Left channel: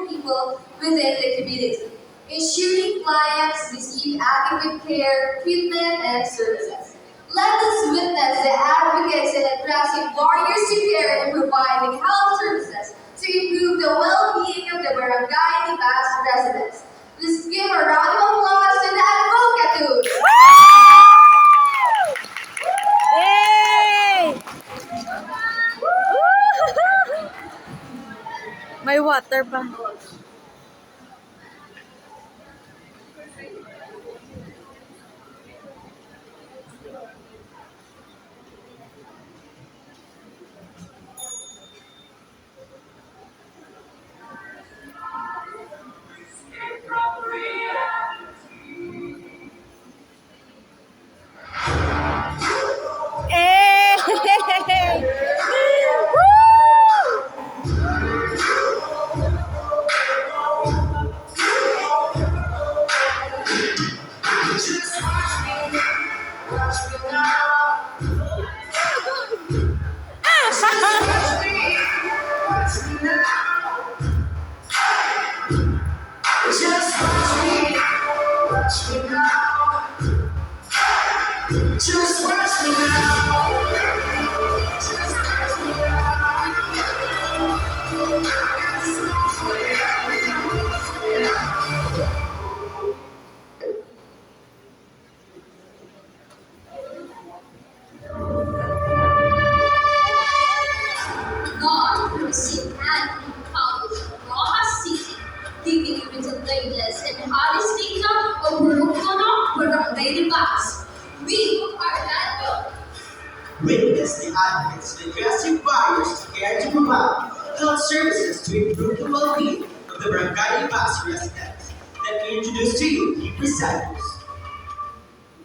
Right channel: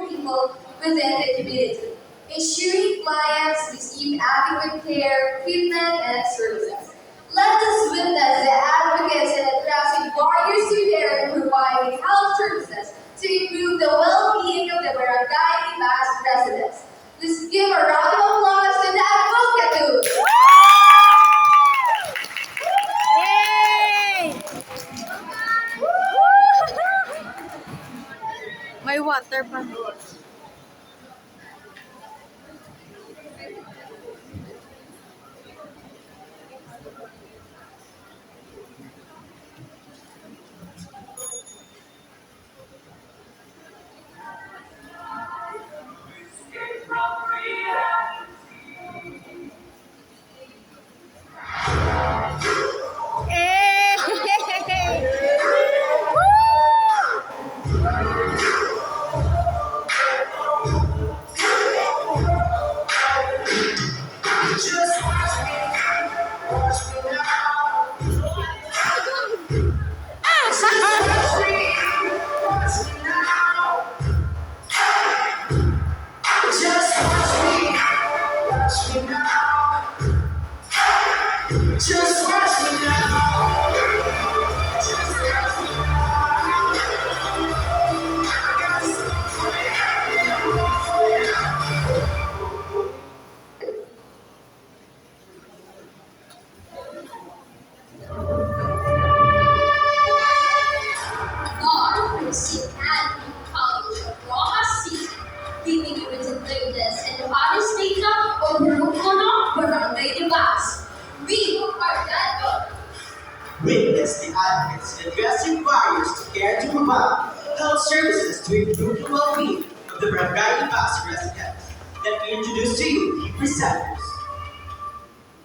vulnerable people within the community, ensuring clients receive adequate care, treatment, and services. Let us witness the advocates in addressing barriers to care and providing health services to improve the well-being of the Barangay Libas residents. Let's give a round of applause to the Advocatus! May water pa. Just watch me now. Watch me now. Just watch me now. Just watch me now. Just watch me God from St. Andrew College of Rojas City, giving you the latest and hottest data of Burukolo Barangay Libas. We are that good. Witness the advocates in addressing barriers to care to provide health services to improve the well-being of the Barangay Libas residents. Let me introduce to you the presenters.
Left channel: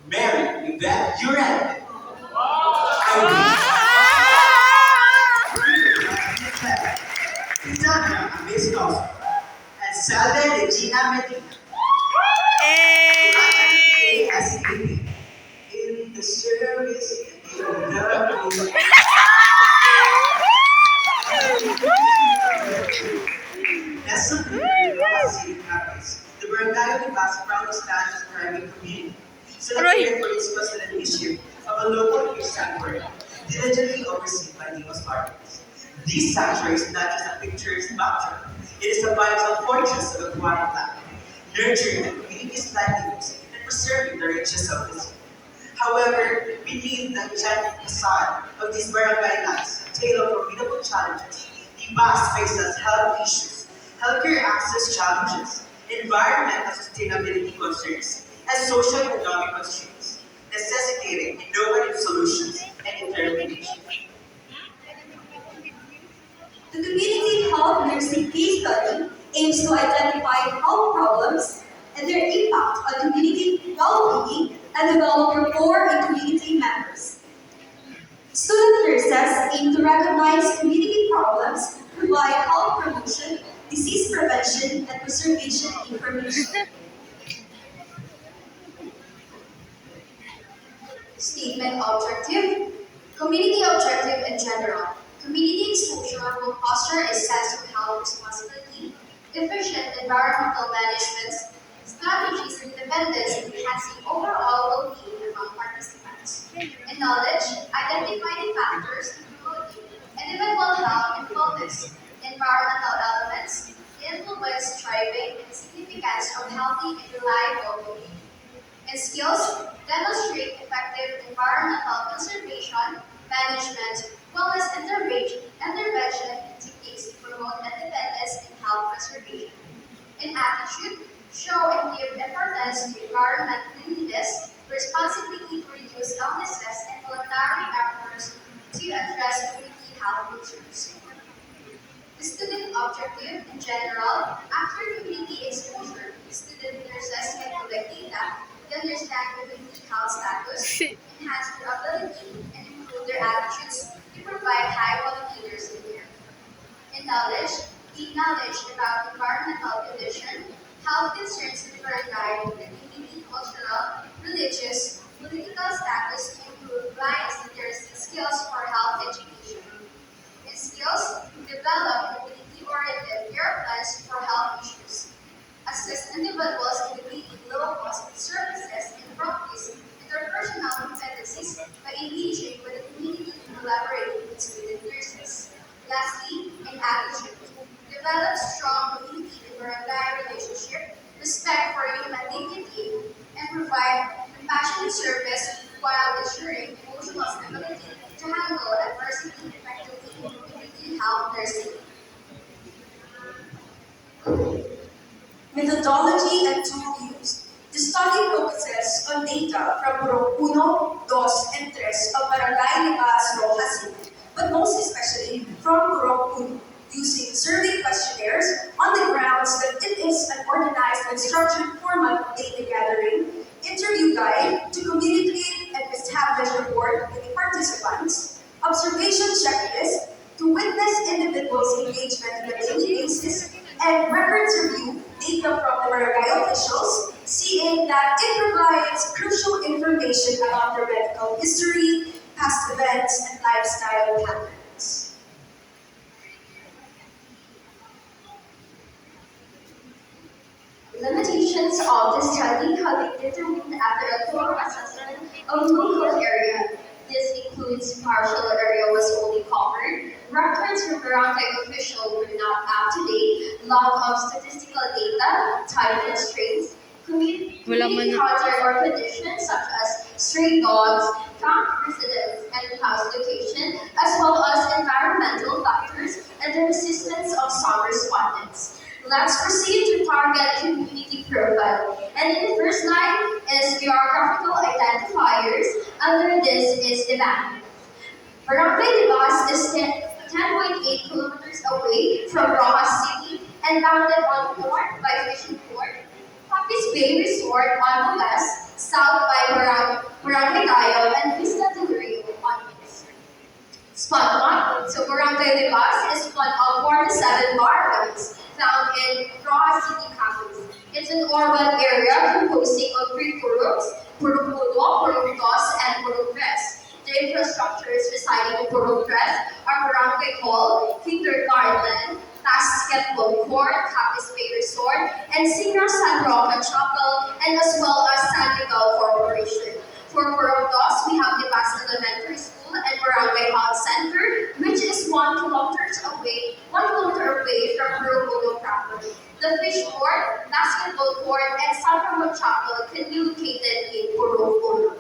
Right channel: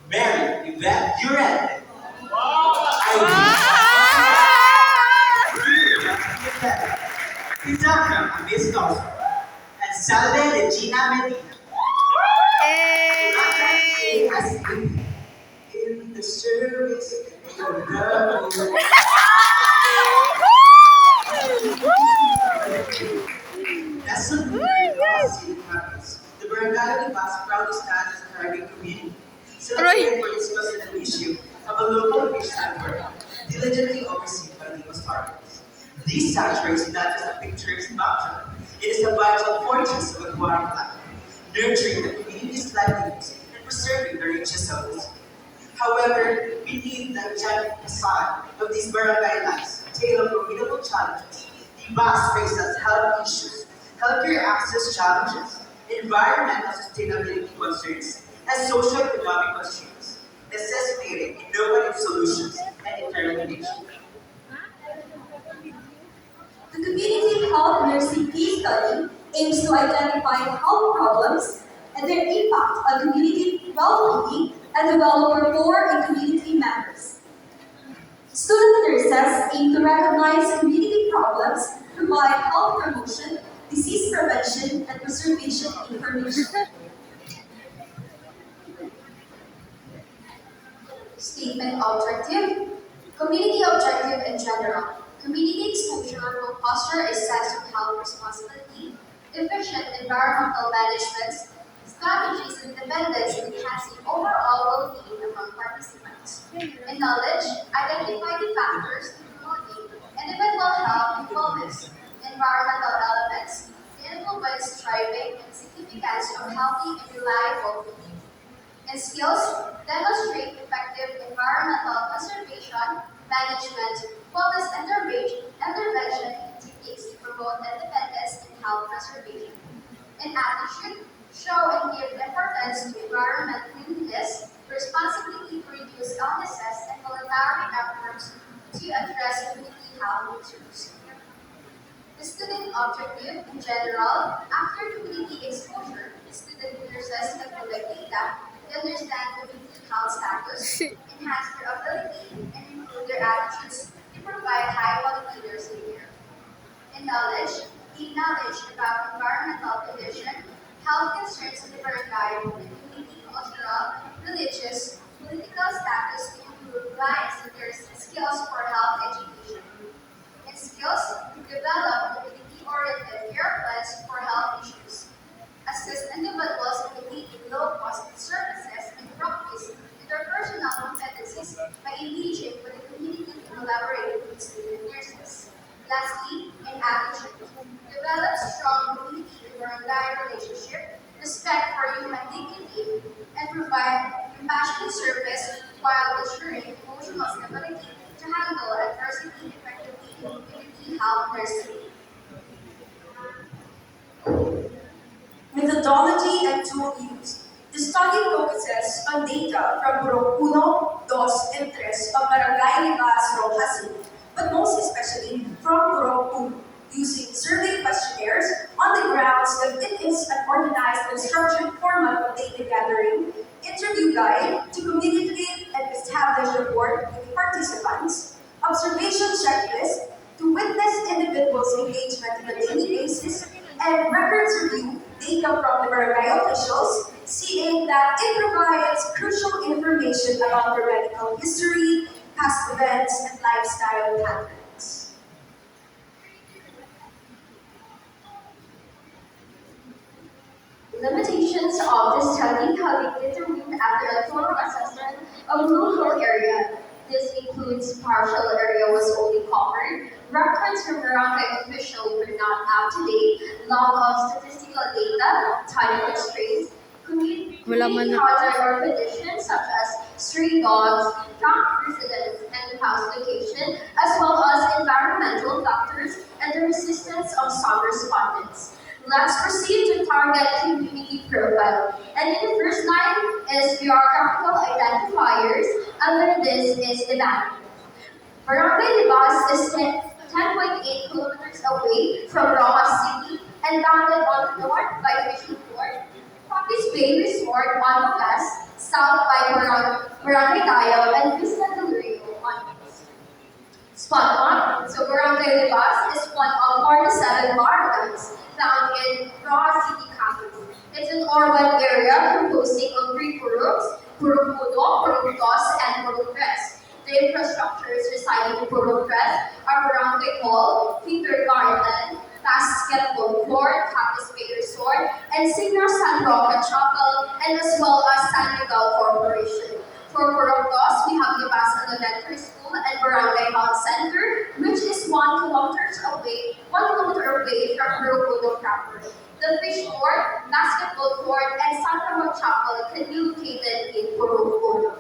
Mary Yvette Durante. Cassandra Amistos. And Salve Regina Medina. ASAP. In the service of the As a leader city campus, the Barangay Libas proudly stands as a thriving community, celebrated for its constant issue of a local fish sanctuary, diligently overseen by the authorities. This sanctuary is not just a picturesque backdrop, it is a vital fortress of aquatic life, nurturing the community's livelihoods and preserving the riches of the sea. However, beneath the giant facade of these barangay lives, a tale of formidable challenges. The bus faces health issues, healthcare access challenges, environmental sustainability concerns, and socio-economic constraints, necessitating innovative solutions and determination. The Community Health Nursing Case Study aims to identify health problems and their impact on community well-being and develop rapport in community members. Student nurses aim to recognize community problems, provide health promotion, disease prevention, and preservation information. Statement objective. Community objective in general. Community exposure will foster a sense of health responsibility, efficient environmental management, strategies and independence in enhancing overall well-being among participants. In knowledge, identify the factors to promote individual health and wellness, environmental elements, influence, driving, and significance of healthy and reliable living. In skills, demonstrate effective environmental conservation, management, wellness intervention techniques to promote independence and health preservation. In attitude, show and give importance to environment cleanliness, responsibility to reduce illnesses, and voluntary efforts to address community health concerns. The student objective in general, after community exposure, student nurses can collect data, understand community health status, enhance their ability, and improve their attitudes to provide high-quality nursing care. In knowledge, gain knowledge about environmental condition, health concerns in the barangay, and community cultural, religious, political status to improve lives and nursing skills for health education. In skills, develop community-oriented care plans for health methodology and tool used. The study focuses on data from Purok 1, 2, and 3 of Barangay Libas, Rojas City, but most especially from Purok 1, using survey questionnaires on the grounds that it is an organized and structured format of data gathering, interview guide to communicate and establish rapport with the participants, observation checklist to witness individuals' engagement on a daily basis, and records review data from the barangay officials, seeing that it provides crucial information about their medical history, past events, and lifestyle patterns. Limitations of the study have been determined after a thorough assessment of local area. This includes partial area was only covered, records from barangay official were not up to date, lack of statistical data, time constraints, Wala man community na. hazard or conditions such as stray dogs, camp residents, and house location, as well as environmental factors and the resistance of some respondents. Let's proceed to target community profile. And in the first line is geographical identifiers. Under this is the bandwidth. Barangay Libas is 10.8 kilometers away from Rojas City and bounded on the north by Fishing Port, Pakis Bay Resort on the west, south by Barangay Tayo, and Vista del Rio on the east. Spot 1. So Barangay Libas is one of 47 barangays found in Rojas City campus. It's an urban area composing of 3 puruks, Purok 1, Purok 2, and Purok 3. The infrastructures residing in Purok 3 are Barangay Hall, Kindergarten, basketball court, Campus Bay Resort, and Senior San Roque Chapel, and as well as San Miguel Corporation. For Purok 2, we have the Libas Elementary School and Barangay Health Center, which is 1 kilometer away from Purok 1 proper. The fish court, basketball court, and San Roque Chapel can be located in Purok 1.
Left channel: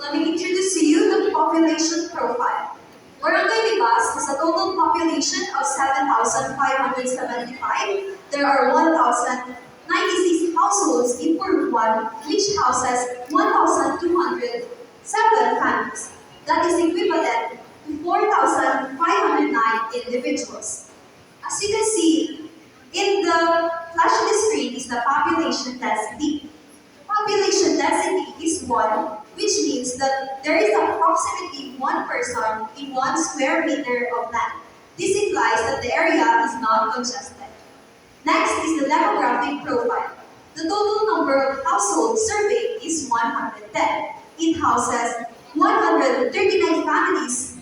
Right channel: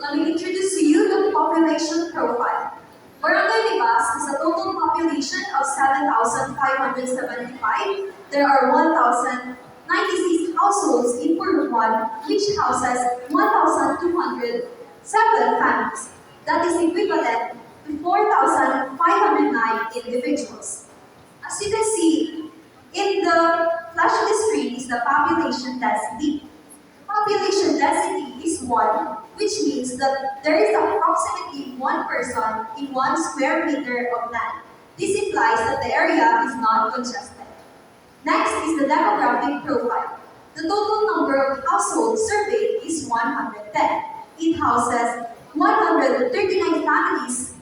Let me introduce to you the population profile. Barangay Libas has a total population of 7,575. There are 1,096 households in Purok 1, which houses 1,207 families. That is equivalent to 4,509 individuals. As you can see, in the flash of the screen is the population density. Population density is 1, which means that there is approximately 1 person in 1 square meter of land. This implies that the area is not congested. Next is the demographic profile. The total number of households surveyed is 110. It houses 139 families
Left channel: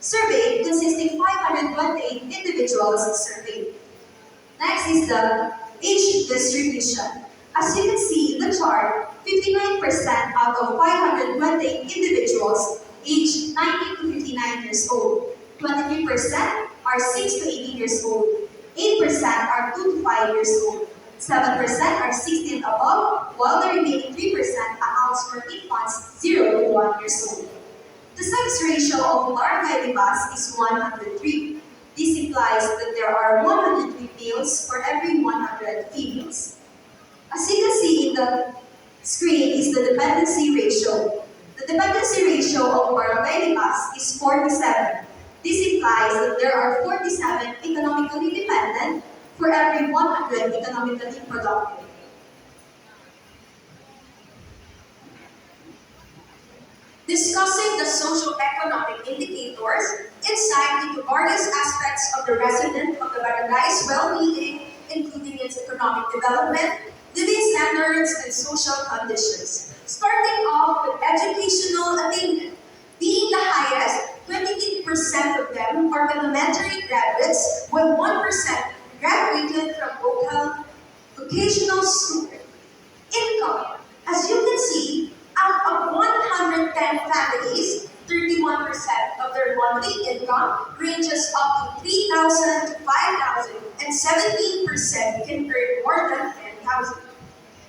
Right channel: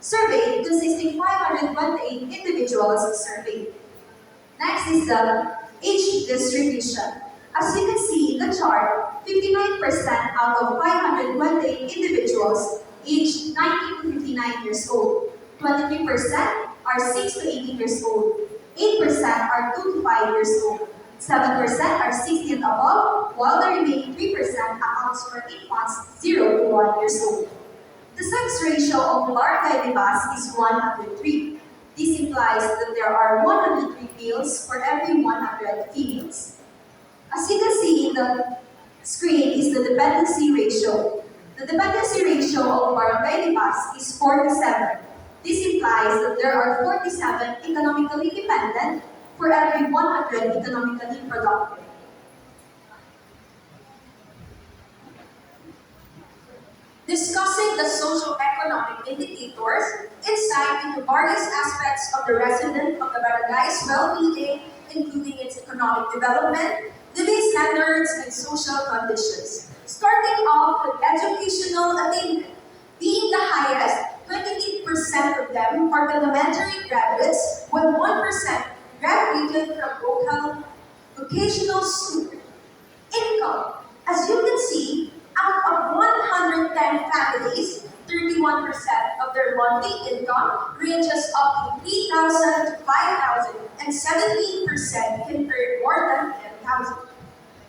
surveyed, consisting 528 individuals surveyed. Next is the age distribution. As you can see in the chart, 59% out of 528 individuals aged 19 to 59 years old. 23% are 6 to 18 years old. 8% are 2 to 5 years old. 7% are 16 and above, while the remaining 3% accounts for infants 0 to 1 years old. The sex ratio of Barangay Libas is 103. This implies that there are 103 males for every 100 females. As you can see in the screen is the dependency ratio. The dependency ratio of Barangay Libas is 47. This implies that there are 47 economically dependent for every 100 economically productive. Discussing the socio-economic indicators, insight into various aspects of the resident of the barangay's well-being, including its economic development, living standards, and social conditions. Starting off with educational attainment. Being the highest, 28% of them are elementary graduates, while 1% graduated from local vocational school. Income. As you can see, out of 110 families, 31% of their monthly income ranges up to 3,000 to 5,000, and 17% can earn more than 10,000.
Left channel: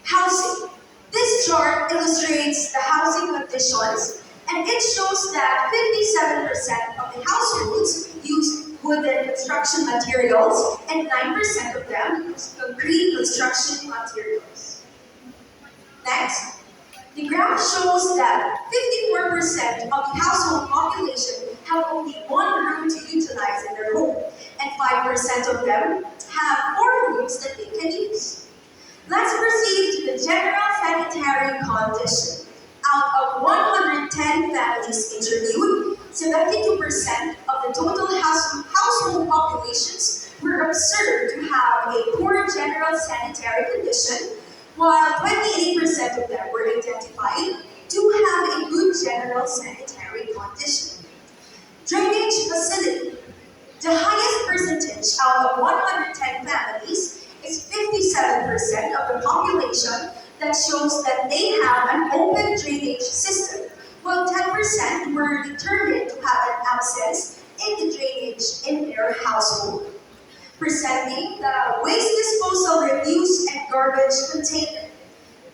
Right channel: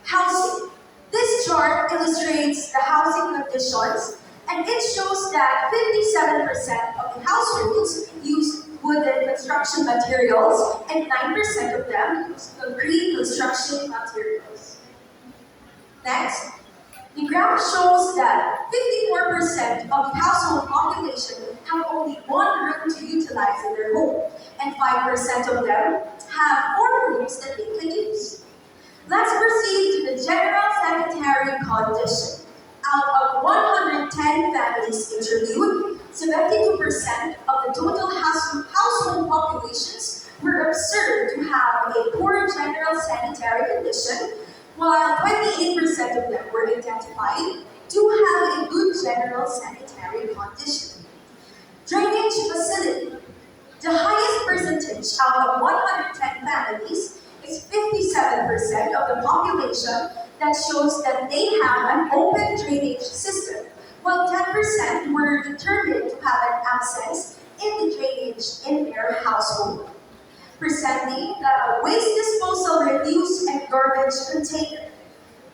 Housing. This chart illustrates the housing conditions, and it shows that 57% of the households use wooden construction materials, and 9% of them use concrete construction materials. Next, the graph shows that 54% of the household population have only one room to utilize in their home, and 5% of them have four rooms that they can use. Let's proceed to the general sanitary condition. Out of 110 families interviewed, 72% of the total household populations were observed to have a poor general sanitary condition, while 28% of them were identified to have a good general sanitary condition. Drainage facility. The highest percentage out of 110 families is 57% of the population that shows that they have an open drainage system, while 10% were determined to have an absence in the drainage in their household. Presenting the waste disposal refuse and garbage container.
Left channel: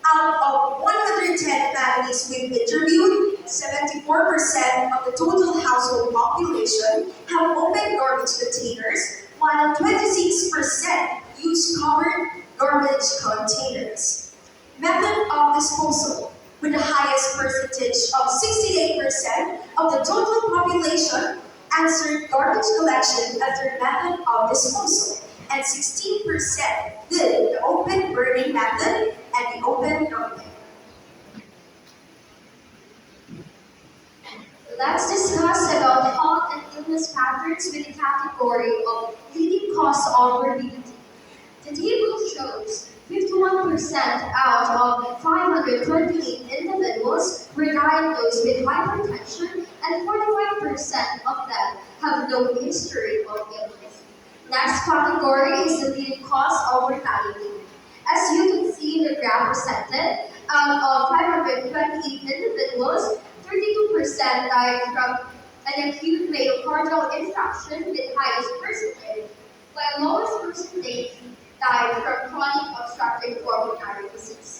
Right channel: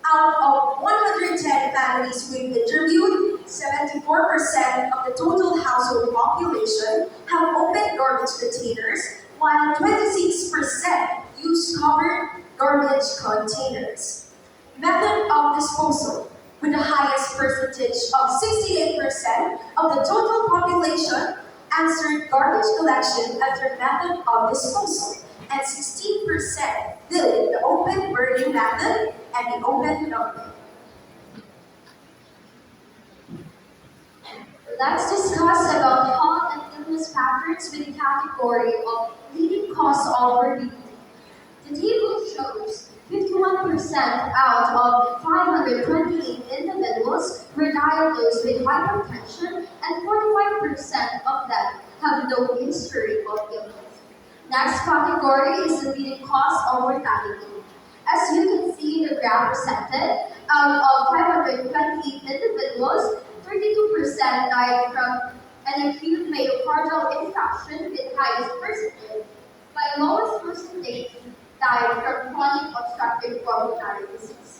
Out of 110 families we've interviewed, 74% of the total household population have open garbage containers, while 26% use covered garbage containers. Method of disposal. With the highest percentage of 68% of the total population answered garbage collection as their method of disposal, and 16% did the open burning method and the open dumping. Let's discuss about health and illness patterns with the category of leading cause of morbidity. The table shows 51% out of 528 individuals were diagnosed with hypertension, and 45% of them have no history of illness. Next category is the leading cause of mortality. As you can see in the graph presented, out of 528 individuals, 32% died from an acute myocardial infarction with highest percentage, while lowest percentage died from chronic obstructive pulmonary disease.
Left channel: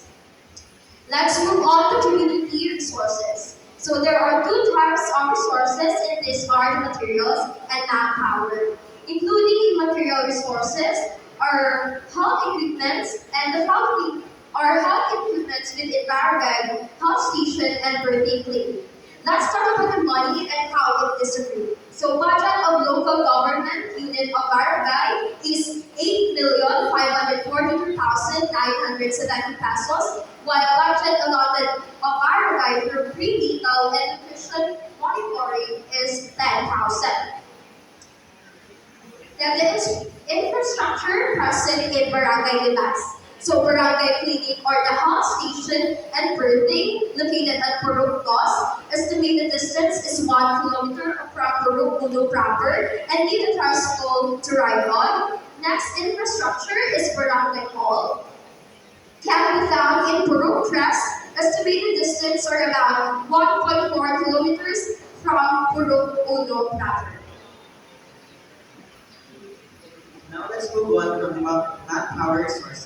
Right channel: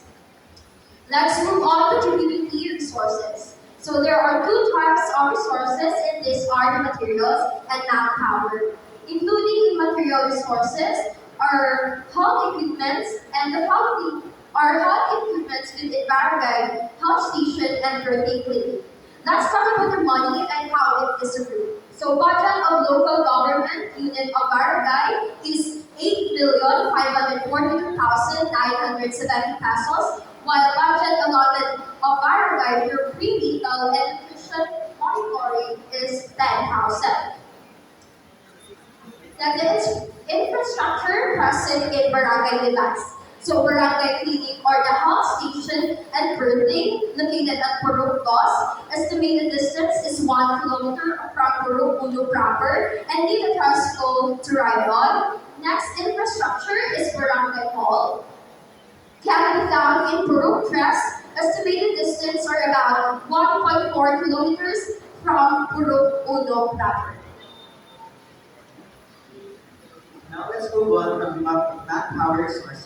Let's move on to community resources. So there are two types of resources in this are the materials and manpower. Including in material resources are health equipment and the health equipment with environment, health station, and birthday clinic. Let's talk about the money and how it is distributed. So budget of local government unit of barangay is 8,542,970 pesos, while budget allotted of barangay for prenatal and nutrition monitoring is 10,000. Then the infrastructure present in barangay device. So barangay clinic or the health station and birthing located at Purok Dos. Estimated distance is 1 kilometer from Purok Uno proper and need a tricycle to ride on. Next infrastructure is barangay hall. Can be found in Purok Tres. Estimated distance are about 1.4 kilometers from Purok Uno proper. Now let's move on from the manpower resources.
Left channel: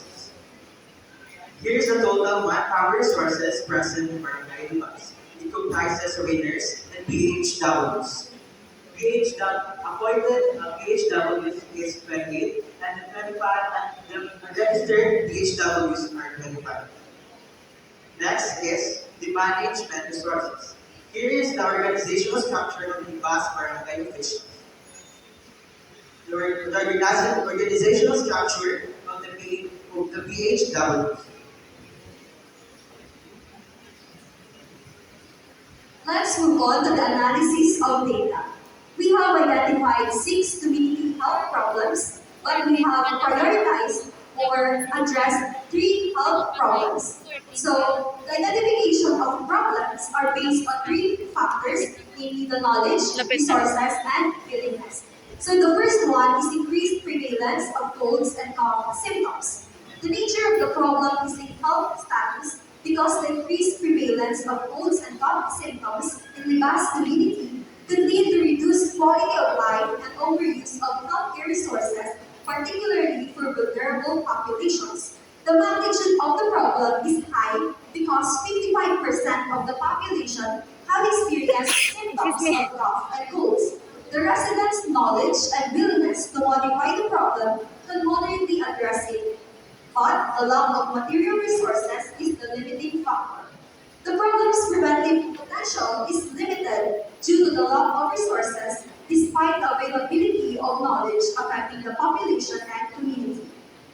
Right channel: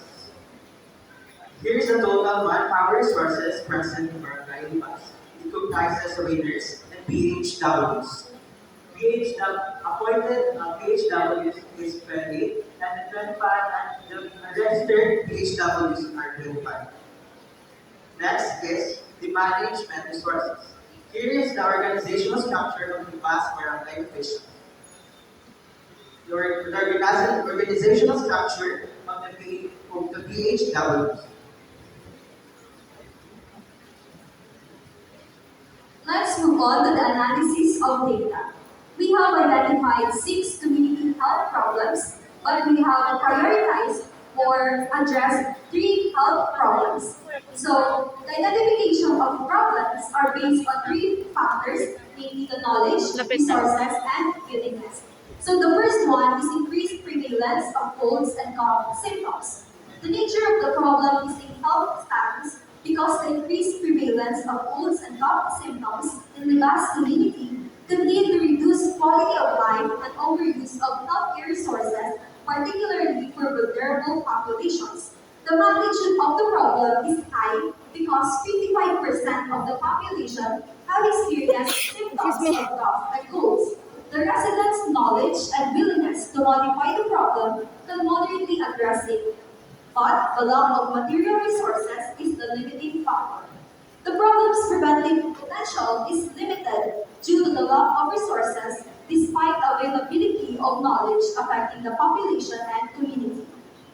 Here's the total manpower resources present in Barangay Libas. It comprises waiters and PHWs. Appointed PHWs is 28 and the 25 and the registered PHWs are 25. Next is the management resources. Here is the organizational structure of the Libas Barangay officials. The organizational structure of the PHWs. Let's move on to the analysis of data. We have identified 6 community health problems, but we have prioritized or addressed 3 health problems. So, the identification of problems are based on 3 factors, namely the knowledge, resources, and willingness. So, the first one is increased prevalence of colds and cough symptoms. The nature of the problem is a health status because the increased prevalence of colds and cough symptoms in the vast community could lead to reduced quality of life and overuse of healthcare resources, particularly for vulnerable populations. The magnitude of the problem is high because 55% of the population have experienced symptoms of cough and colds. The residents' knowledge and willingness to modify the problem can moderately address it, but the lack of material resources is the limiting factor. The problem's preventive potential is limited due to the lack of resources despite the availability of knowledge affecting the population and community.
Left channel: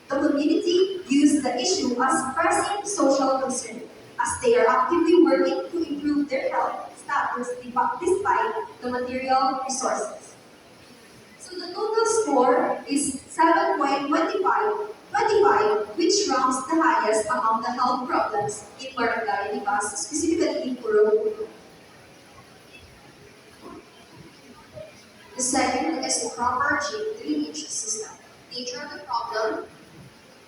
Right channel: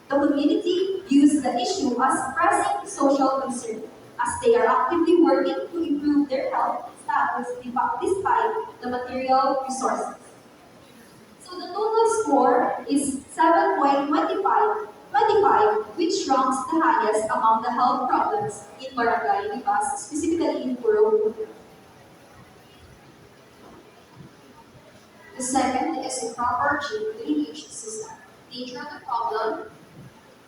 The community views the issue as pressing social concern, as they are actively working to improve their health status despite the material resources. So the total score is 7.25, which ranks the highest among the health problems in Barangay Libas, specifically in Puro. The second is the proper drainage system. Nature of the problem.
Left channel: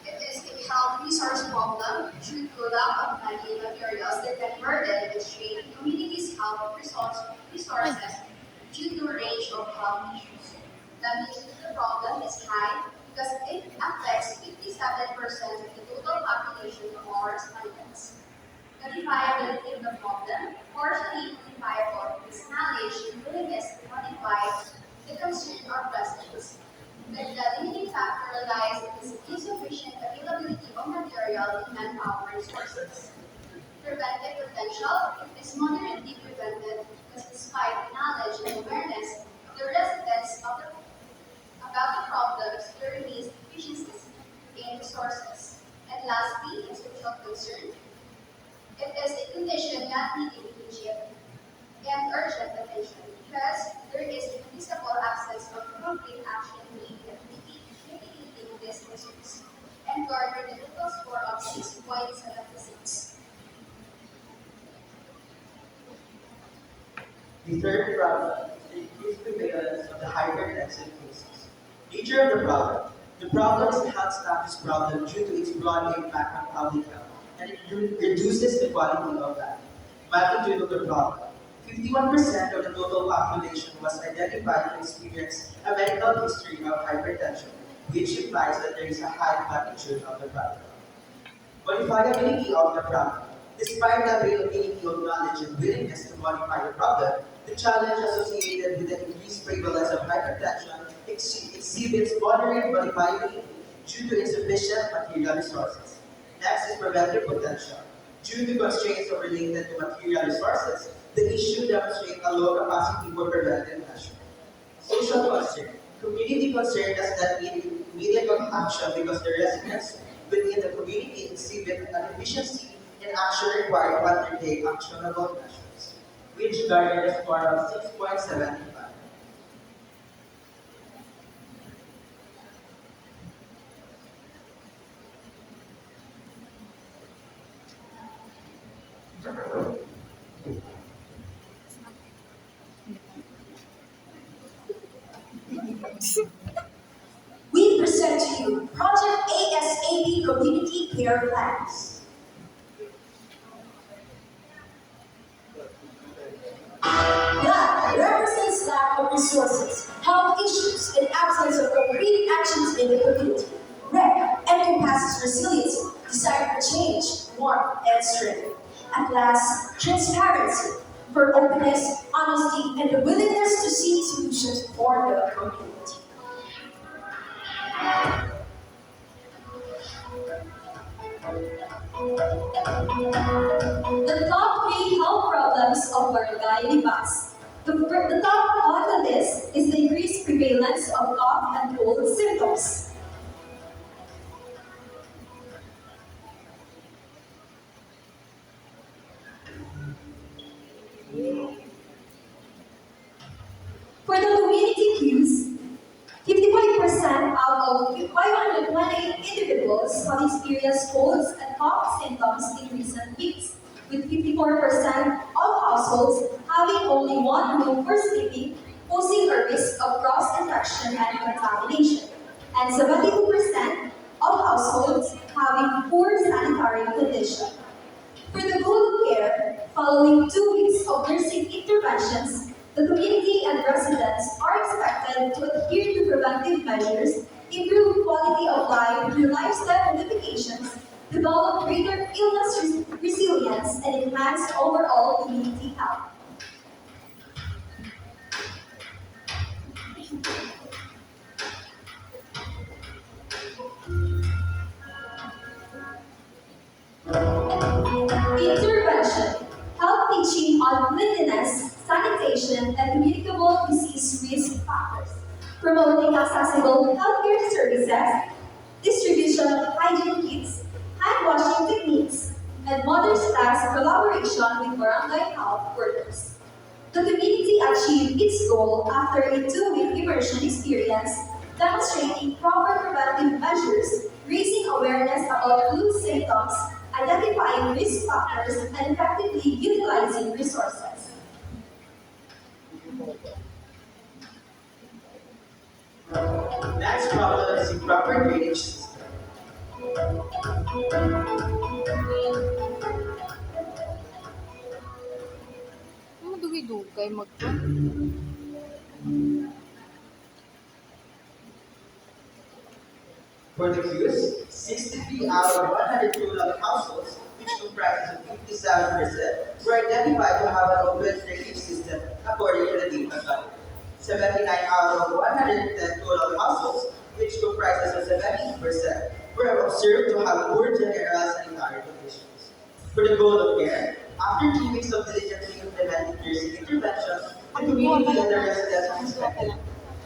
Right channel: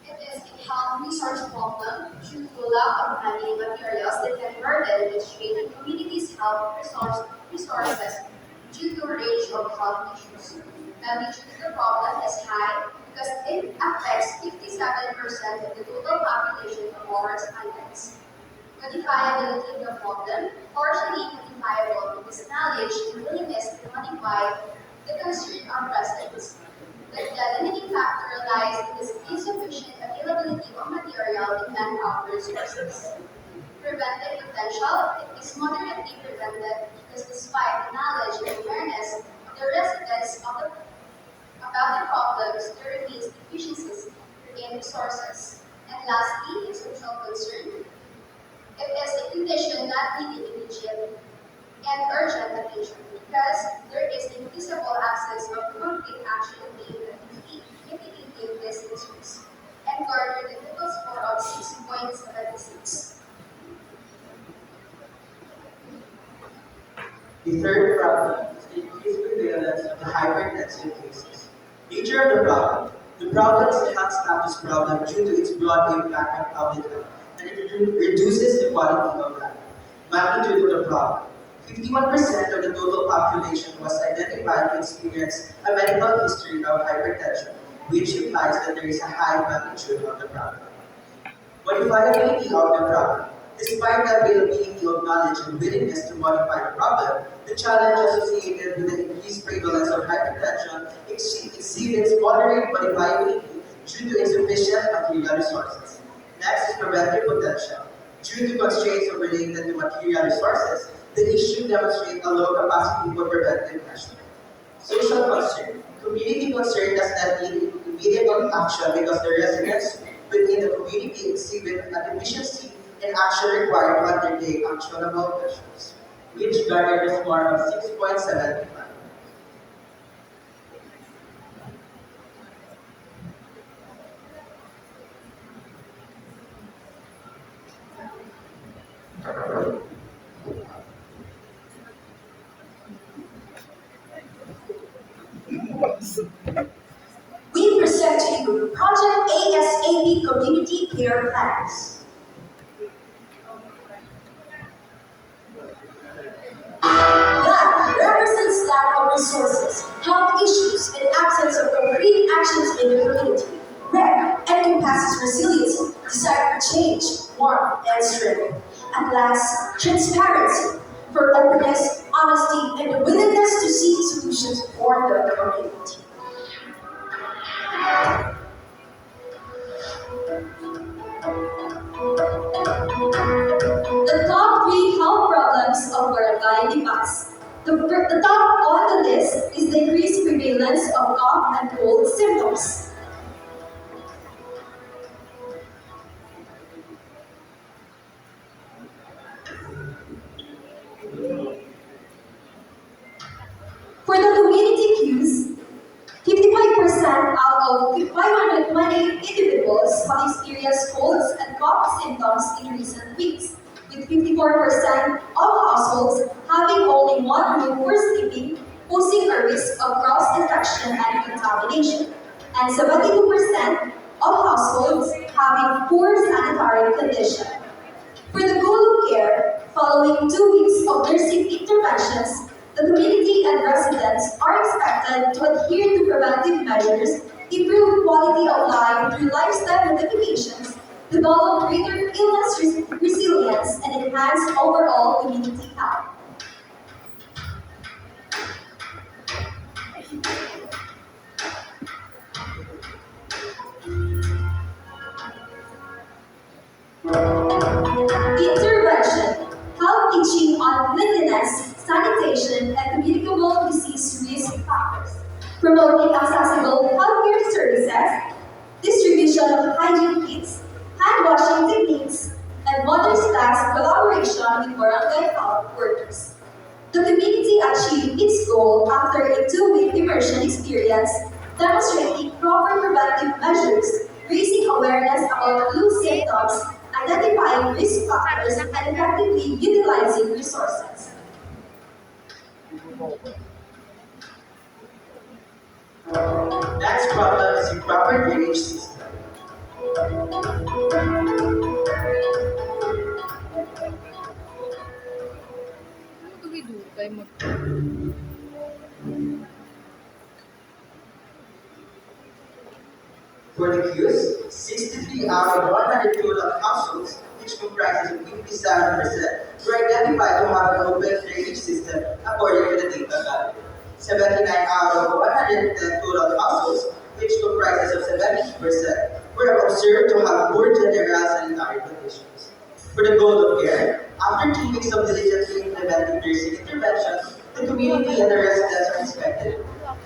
It is a health resource problem due to lack of many materials that can burden and strain communities' resources due to a range of health issues. The nature of the problem is high because it affects 57% of the total population of our respondents. Modifiability of the problem, partially modifiable because knowledge and willingness to modify the concern are present. But the limiting factor lies in the insufficient availability of material and manpower resources. Preventive potential is moderately prevented because despite the knowledge and awareness of the residents about the problems, there remains deficiencies in resources. And lastly, in social concern, it is a condition not needing immediate and urgent attention because there is a visible absence of concrete action being mitigating these issues and garnered a total score of 6.76. The third problem is the increased prevalence of the hypertensive cases. Nature of the problem. The problem is a health status problem due to its broad impact on public health, and it reduces the quality of life. Magnitude of the problem. 51% of the total population was identified to experience a medical history of hypertension, which implies that there is a high magnitude of the problem. Modifiability of the problem. Despite the availability of knowledge and willingness to modify the problem, the challenge associated with the increased prevalence of hypertension exhibits moderate modifiability due to insufficient material resources. Next is preventive potential. Due to constraints related to material resources, the issue demonstrates a low capacity for preventive measures. Social concern. Community concern does not need immediate action because the residents within the community exhibit a deficiency in action required to undertake actionable measures, which garnered a score of 6.75. We present to you Project ASAP Community Care Plans. That represents lack of resources, health issues, and absence of concrete actions in the community. Red encompasses resiliency, desire for change, warmth, and strength. At last, transparency, for openness, honesty, and the willingness to seek solutions for the community. The top three health problems of Barangay Libas. The top on the list is the increased prevalence of cough and cold symptoms. For the community cues, 55% out of 528 individuals have experienced colds and cough symptoms in recent weeks, with 54% of households having only one room for sleeping, posing a risk of cross-infection and contamination, and 72% of households having poor sanitary condition. For the goal of care, following 2 weeks of nursing interventions, the community and residents are expected to adhere to preventive measures, improve quality of life through lifestyle modifications, develop greater illness resilience, and enhance overall community health. promoting accessible healthcare services, distribution of hygiene kits, hand washing techniques, and modern staff collaboration with barangay health workers. The community achieved its goal after a 2-week immersion experience, demonstrating proper preventive measures, raising awareness about flu symptoms, identifying risk factors, and effectively utilizing resources. Next problem is the proper drainage system. Ano dugay-dugay mag... For the Qs, 63 out of 100 total households, which comprises of 57%, were identified to have an open drainage system according to the data gathered. 79 out of 110 total households, which comprises of 70%, were observed to have poor general sanitary conditions. For the goal of care, after 3 weeks of diligently implementing nursing interventions, the community and the residents are expected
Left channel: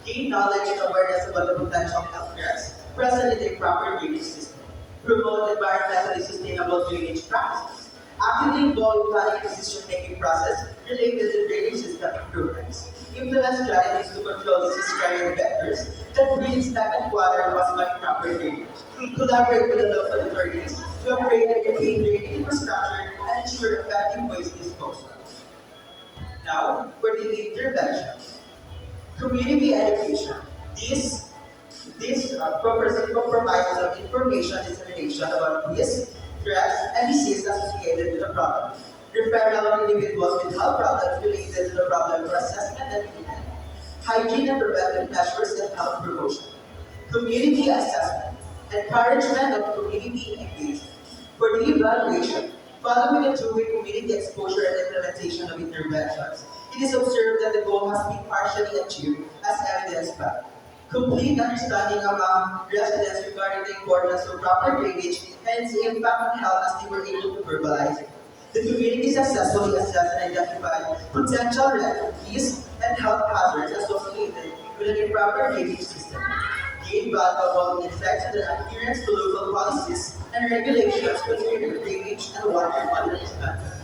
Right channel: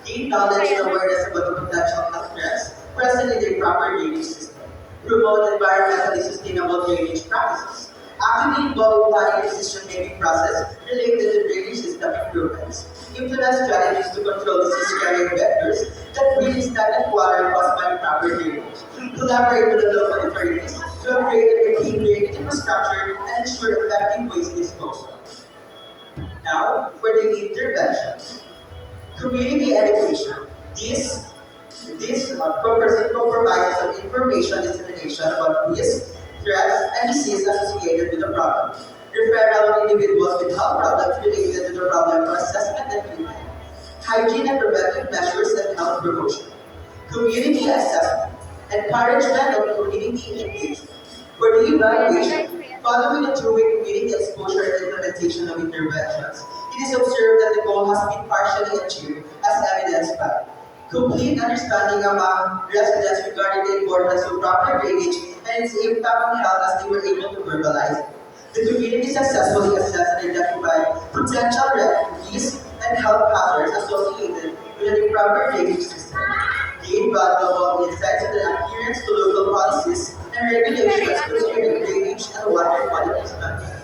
gain knowledge and awareness about the potential health threats present in the proper drainage system, promote environmentally sustainable drainage practices, actively involve planning and decision-making process related to drainage system improvements, implement strategies to control disease-carrying vectors that breed stagnant water caused by improper drainage, collaborate with the local authorities to upgrade and maintain drainage infrastructure and ensure effective waste disposal. Now, for the intervention. Community education. This compromises of information dissemination about risk, threats, and disease associated with the problem. Referral of individuals with health problems related to the problem for assessment and treatment. Hygiene and preventive measures and health promotion. Community assessment. Encouragement of community engagement. For the evaluation, following a 2-week community exposure and implementation of interventions, it is observed that the goal has been partially achieved as evidenced by complete understanding among residents regarding the importance of proper drainage and its impact on health as they were able to verbalize it. The community successfully assessed and identified potential risks and health hazards associated with an improper drainage system. Gained valuable insights on the adherence to local policies and regulations concerning drainage and water quality standards.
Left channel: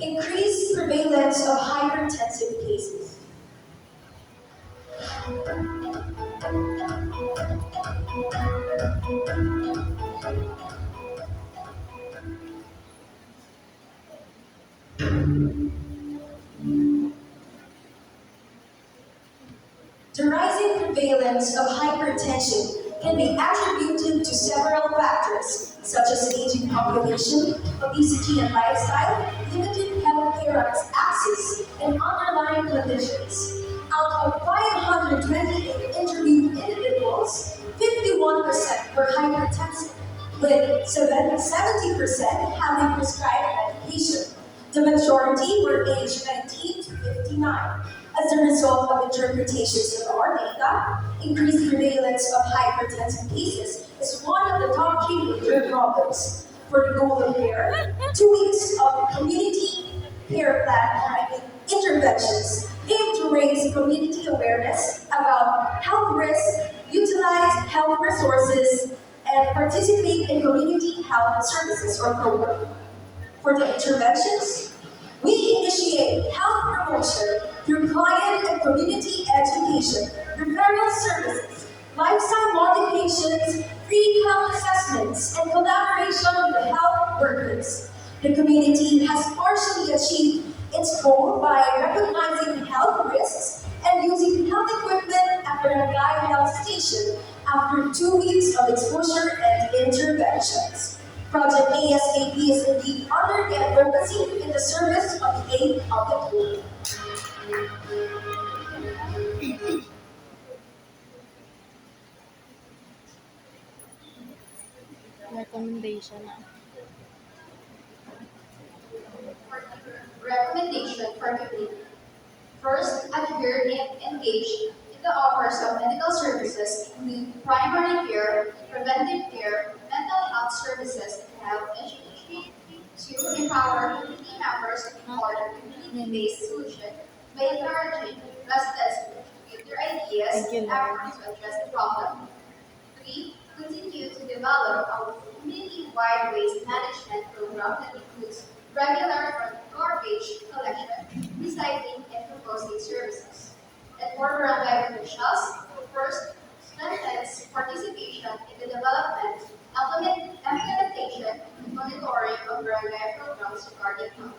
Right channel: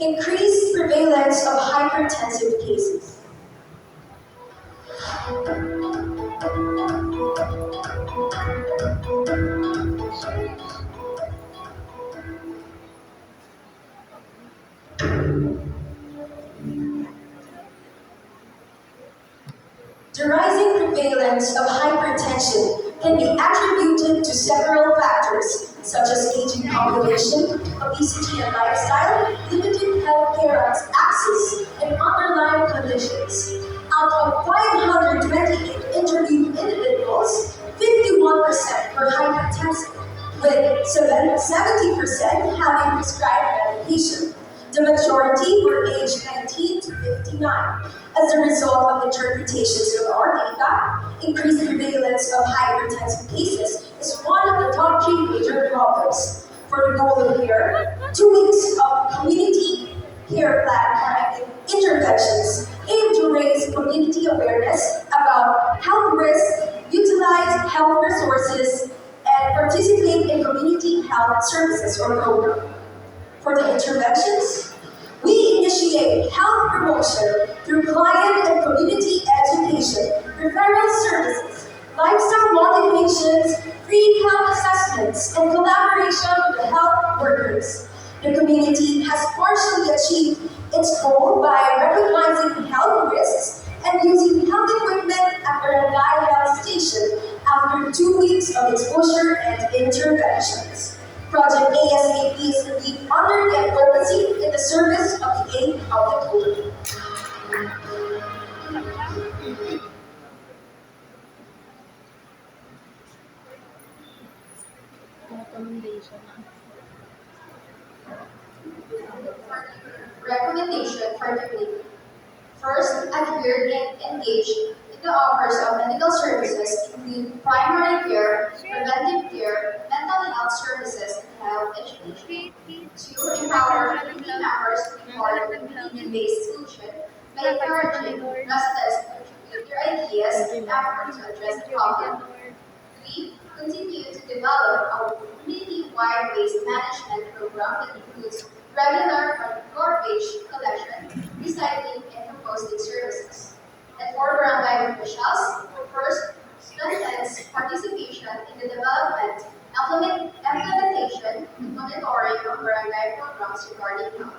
Increased prevalence of hypertensive cases. The rising prevalence of hypertension can be attributed to several factors, such as aging population, obesity and lifestyle, limited healthcare access, and underlying conditions. Out of 528 interviewed individuals, 51% were hypertensive, with 70% having prescribed medication. The majority were aged 19 to 59. As a result of interpretations of our data, increased prevalence of hypertensive cases is one of the top 3 major problems. For the goal of care, 2 weeks of community care plan interventions aim to raise community awareness about health risks, utilize health resources, and participate in community health services or programs. For the interventions, we initiate health promotion through client and community education, referral services, lifestyle modifications, free health assessments, and collaboration with the health workers. The community has partially achieved its goal by recognizing health risks and using health equipment at the Barangay Health Station after 2 weeks of exposure and interventions. Project ASAP is indeed under the advocacy in the service of the aid of the poor. Recommendation na. Recommendation for community. First, adhere and engage in the offers of medical services, including primary care, preventive care, mental health services, and health education. 2, empower community members for community-based solution, by encouraging residents to contribute their ideas and efforts to address the problem. 3. Continue to develop a community-wide waste management program that includes regular garbage collection, recycling, and composting services. And for barangay officials, first, strengthens participation in the development, implementation, and monitoring of barangay programs regarding health.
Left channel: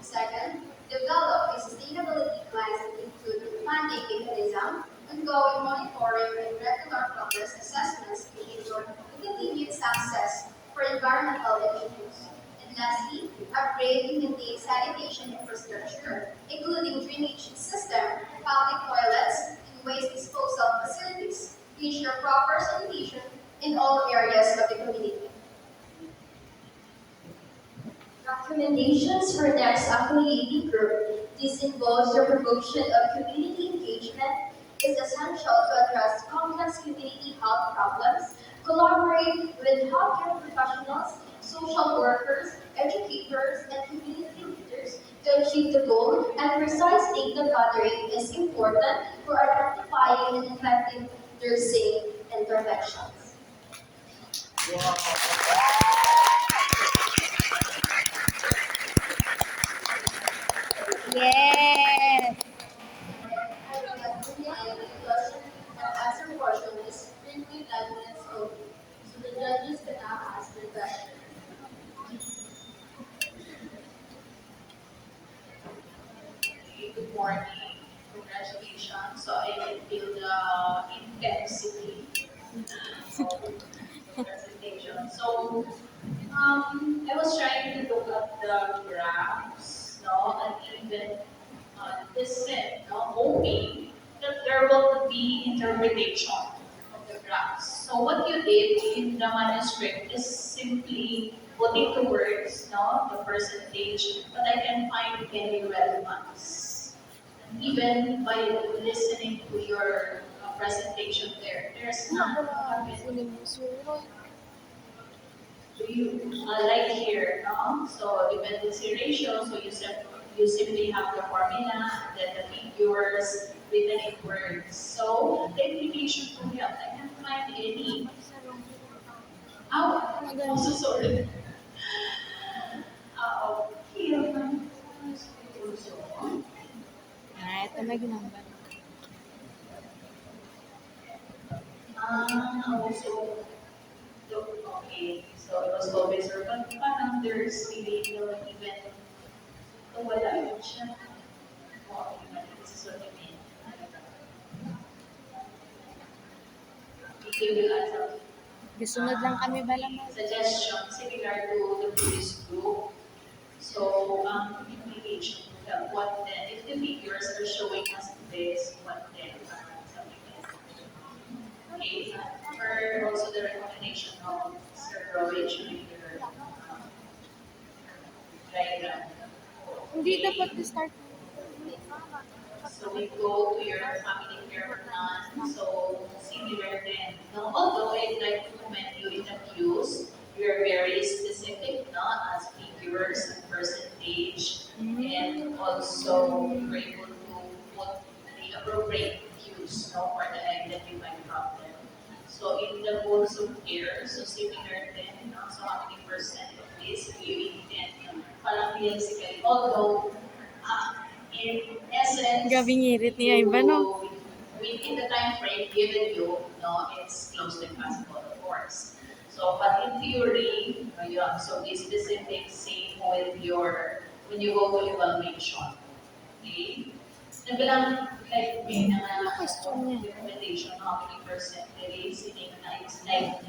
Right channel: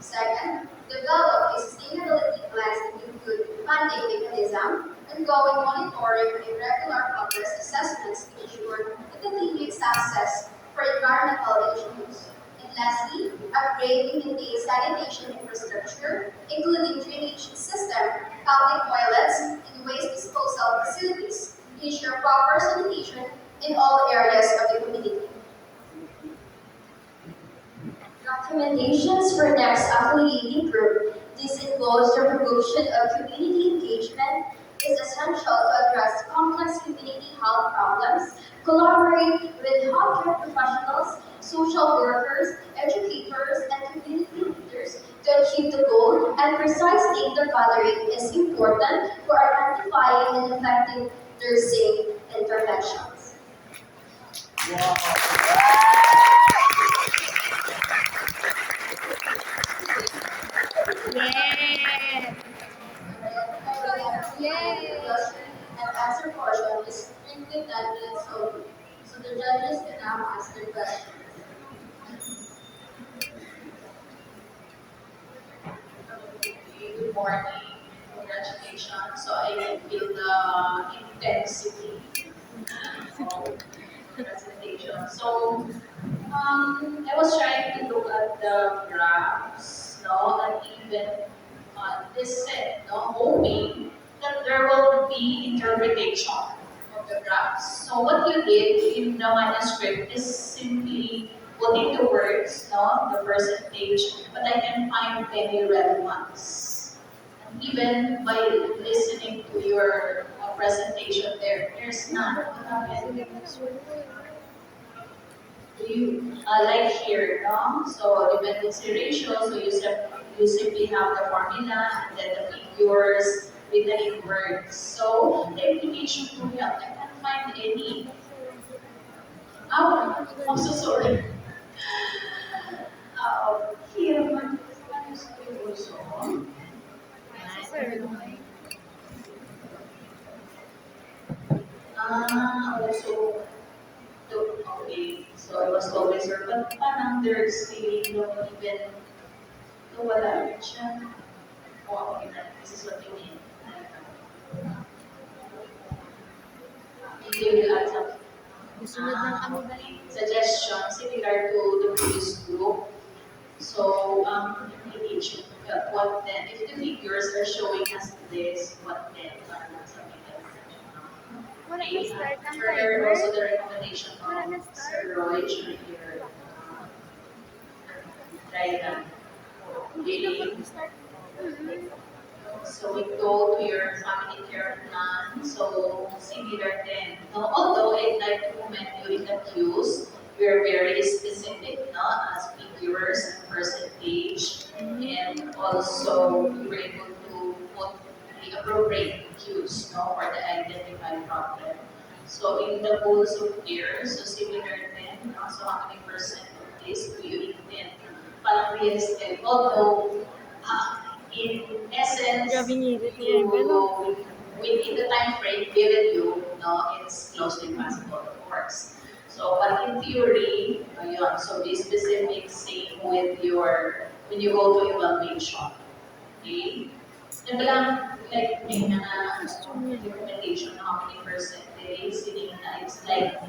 Second, develop a sustainability plans that include funding mechanism, ongoing monitoring, and regular progress assessments to ensure the continued success for environmental initiatives. And lastly, upgrade and maintain sanitation infrastructure, including drainage system, public toilets, and waste disposal facilities to ensure proper sanitation in all areas of the community. Recommendations for next affiliating group. This involves the promotion of community engagement is essential to address complex community health problems, collaborate with healthcare professionals, social workers, educators, and community leaders to achieve the goal, and precise data gathering is important for identifying and effective nursing interventions. Yes! Question and answer portion is strictly 10 minutes only. So the judges can now ask their question. Good morning. Congratulations. So I can feel the intensity of the presentation. So I was trying to look at the graphs, no, and even listen, no, hoping that there will be interpretation of the graphs. So what you did in the manuscript is simply put into words, no, the percentage, but I can find many red ones. And even by listening to your presentation there's none. Do you like here, no? So dependency ratio, so you simply have the formula and then the figures written in words. So the implication to help, I can't find any. Oh, I'm so sorry. Here, my also. Ah, ito na gumamit. Also, okay, so I was always sure, but parang there's feeling no even, no wala rin siya. Oh, okay na, this is what you mean. You will add something. Sunod lang kami ba lang? Suggestion similar to the previous group. So, implication, what then? If the figures are showing us this, what then? Parang something like that. Okay, further also the recommendation of Sir Roy during your diagram. Hindi dapat start. So we go to your family care plan. So similar then. No, although I'd like to commend you in the cues, you're very specific, no, as figures and percentage, and also you were able to put the appropriate cues, no, for the identified problem. So in the goals of care, so similar then, no, so how many percent of this do you intend? Parang realistic, although in essence, Grabe ngirit niya iba, no? within the time frame given you, no, it's close to impossible, of course. So, but in theory, yun, so be specific, same with your, when you go to evaluation, okay? And bilang, like, may na Question niya. recommendation, how many percentage, sitting na, it's like,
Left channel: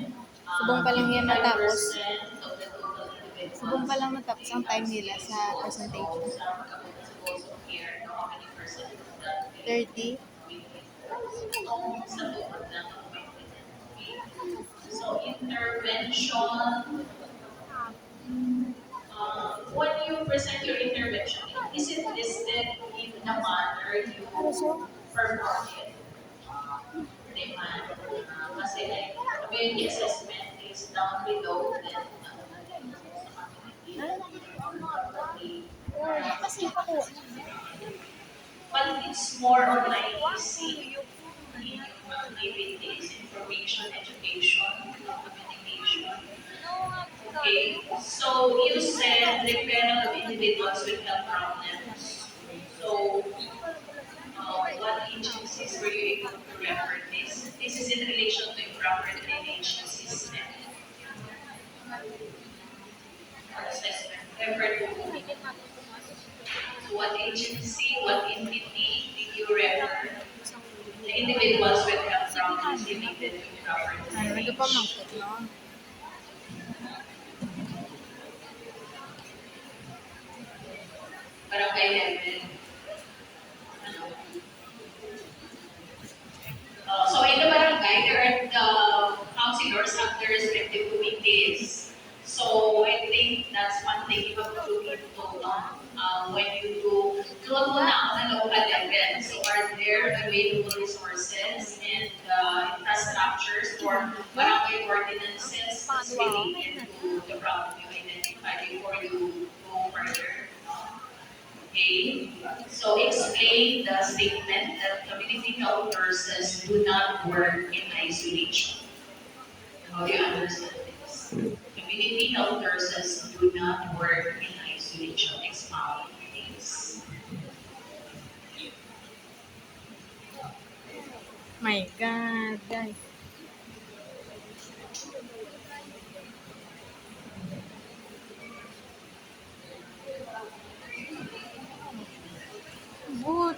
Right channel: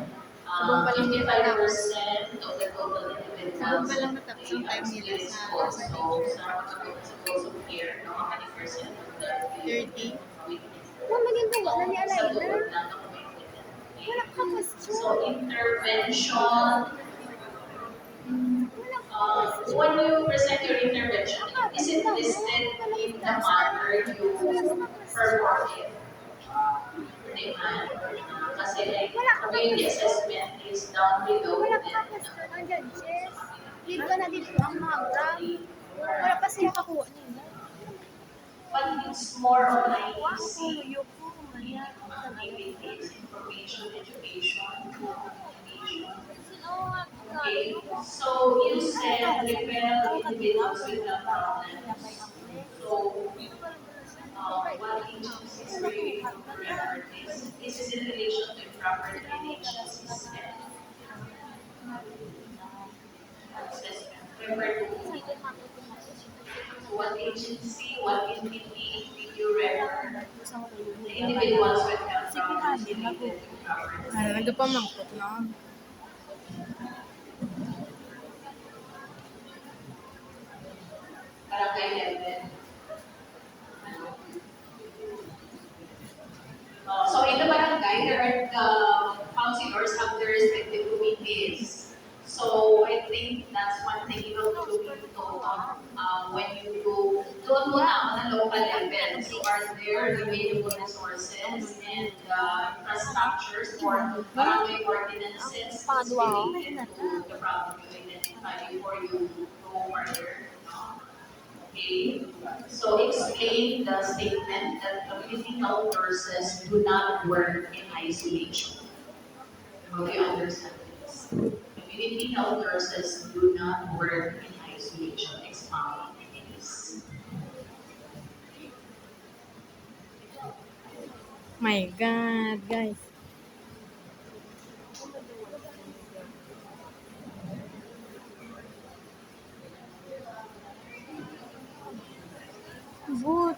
Subong pa lang yan natapos. 55% of the total individuals. Subong pa lang natapos ang time nila sa presentation. So, some of the principles of care, no, how many percent of that? 30. So intervention, when you present your intervention, is it listed in the manner you perform it? Kasi like, when the assessment is down below, then Dito na dito ang mga graph. Kasi pakuha. but it's more on IEC activities, information, education, communication. Okay, so you said referral of individuals with health problems. So, what agencies were you able to refer this? This is in relation to improper drainage system or assessment. Refer to who? So, what agency, what entity did you refer the individuals with health problems related to improper Ay, drainage? nagpamangkot lang. Barangay level. Ano? So in the barangay, there are the councilors have their respective committees. So I think that's one thing you have to look into when you doon muna on a local level. So are there available resources and infrastructures for barangay ordinances that's related to the problem you identified before you go further? Okay, so explain the statement that community health nurses do not work in isolation. How do you understand this? Community health nurses do not work in isolation. Expound, please. My God, guys. But,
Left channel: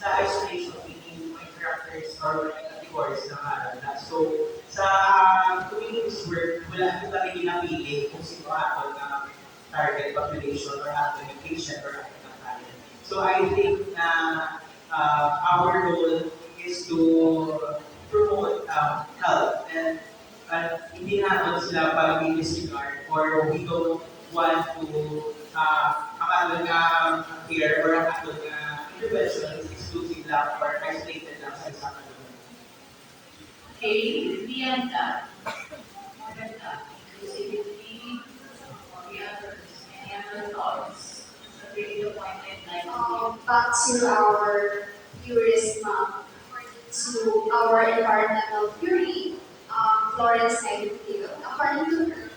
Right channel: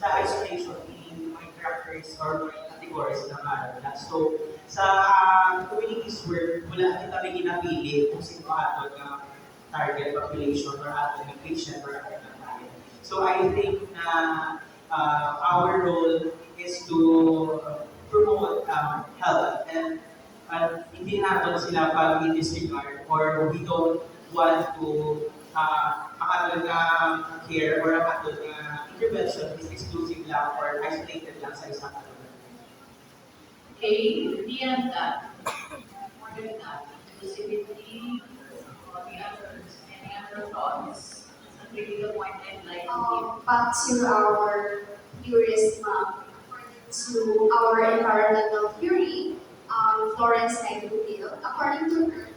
Sa isolation, meaning may characters or may categories na maaral na. So, sa communities work, wala kita rin ginapili kung sino ato na target population or ato na patient or ato na client. So, I think na our role is to promote health and hindi natin sila para disregard or we don't want to ang ato nga care or ang ato nga intervention is exclusive lang or isolated lang sa isang ano. Okay, beyond that, more than that, inclusivity, the others, any other thoughts? That's really the point I'd like to give. Back to our theorist mom, according to our environmental theory, Florence Nightingale, according to her,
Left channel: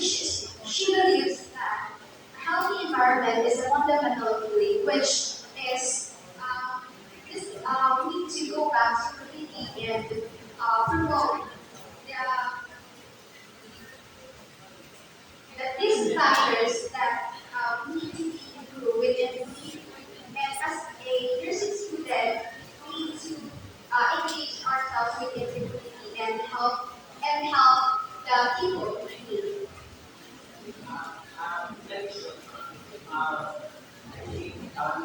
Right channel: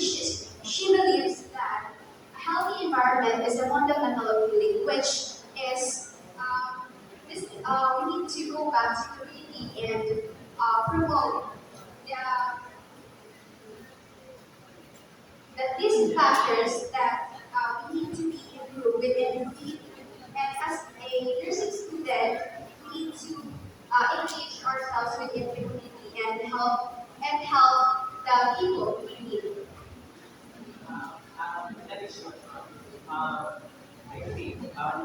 she believes that a healthy environment is a fundamental of healing, which is we need to go back to community and promote the, that these factors that we need to be improved within the community. And as a nursing student, we need to engage ourselves within the community and help the people in need. In addition, I think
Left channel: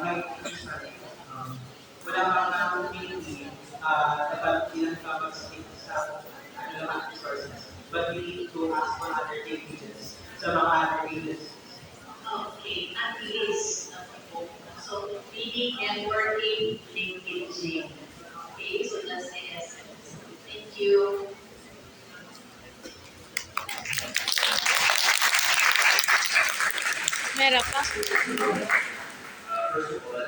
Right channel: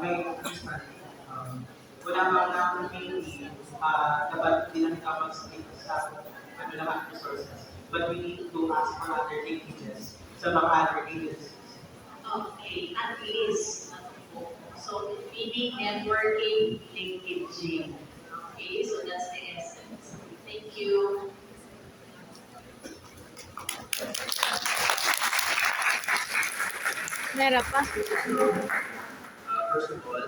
may understanding, wala mang community, dapat di lang ka mag-stick sa ano naman resources. But we need to ask for other linkages sa mga other agencies. Okay, at least. So, meaning networking, linkaging. Okay, so that's the essence. Thank you. meron pa. First of all,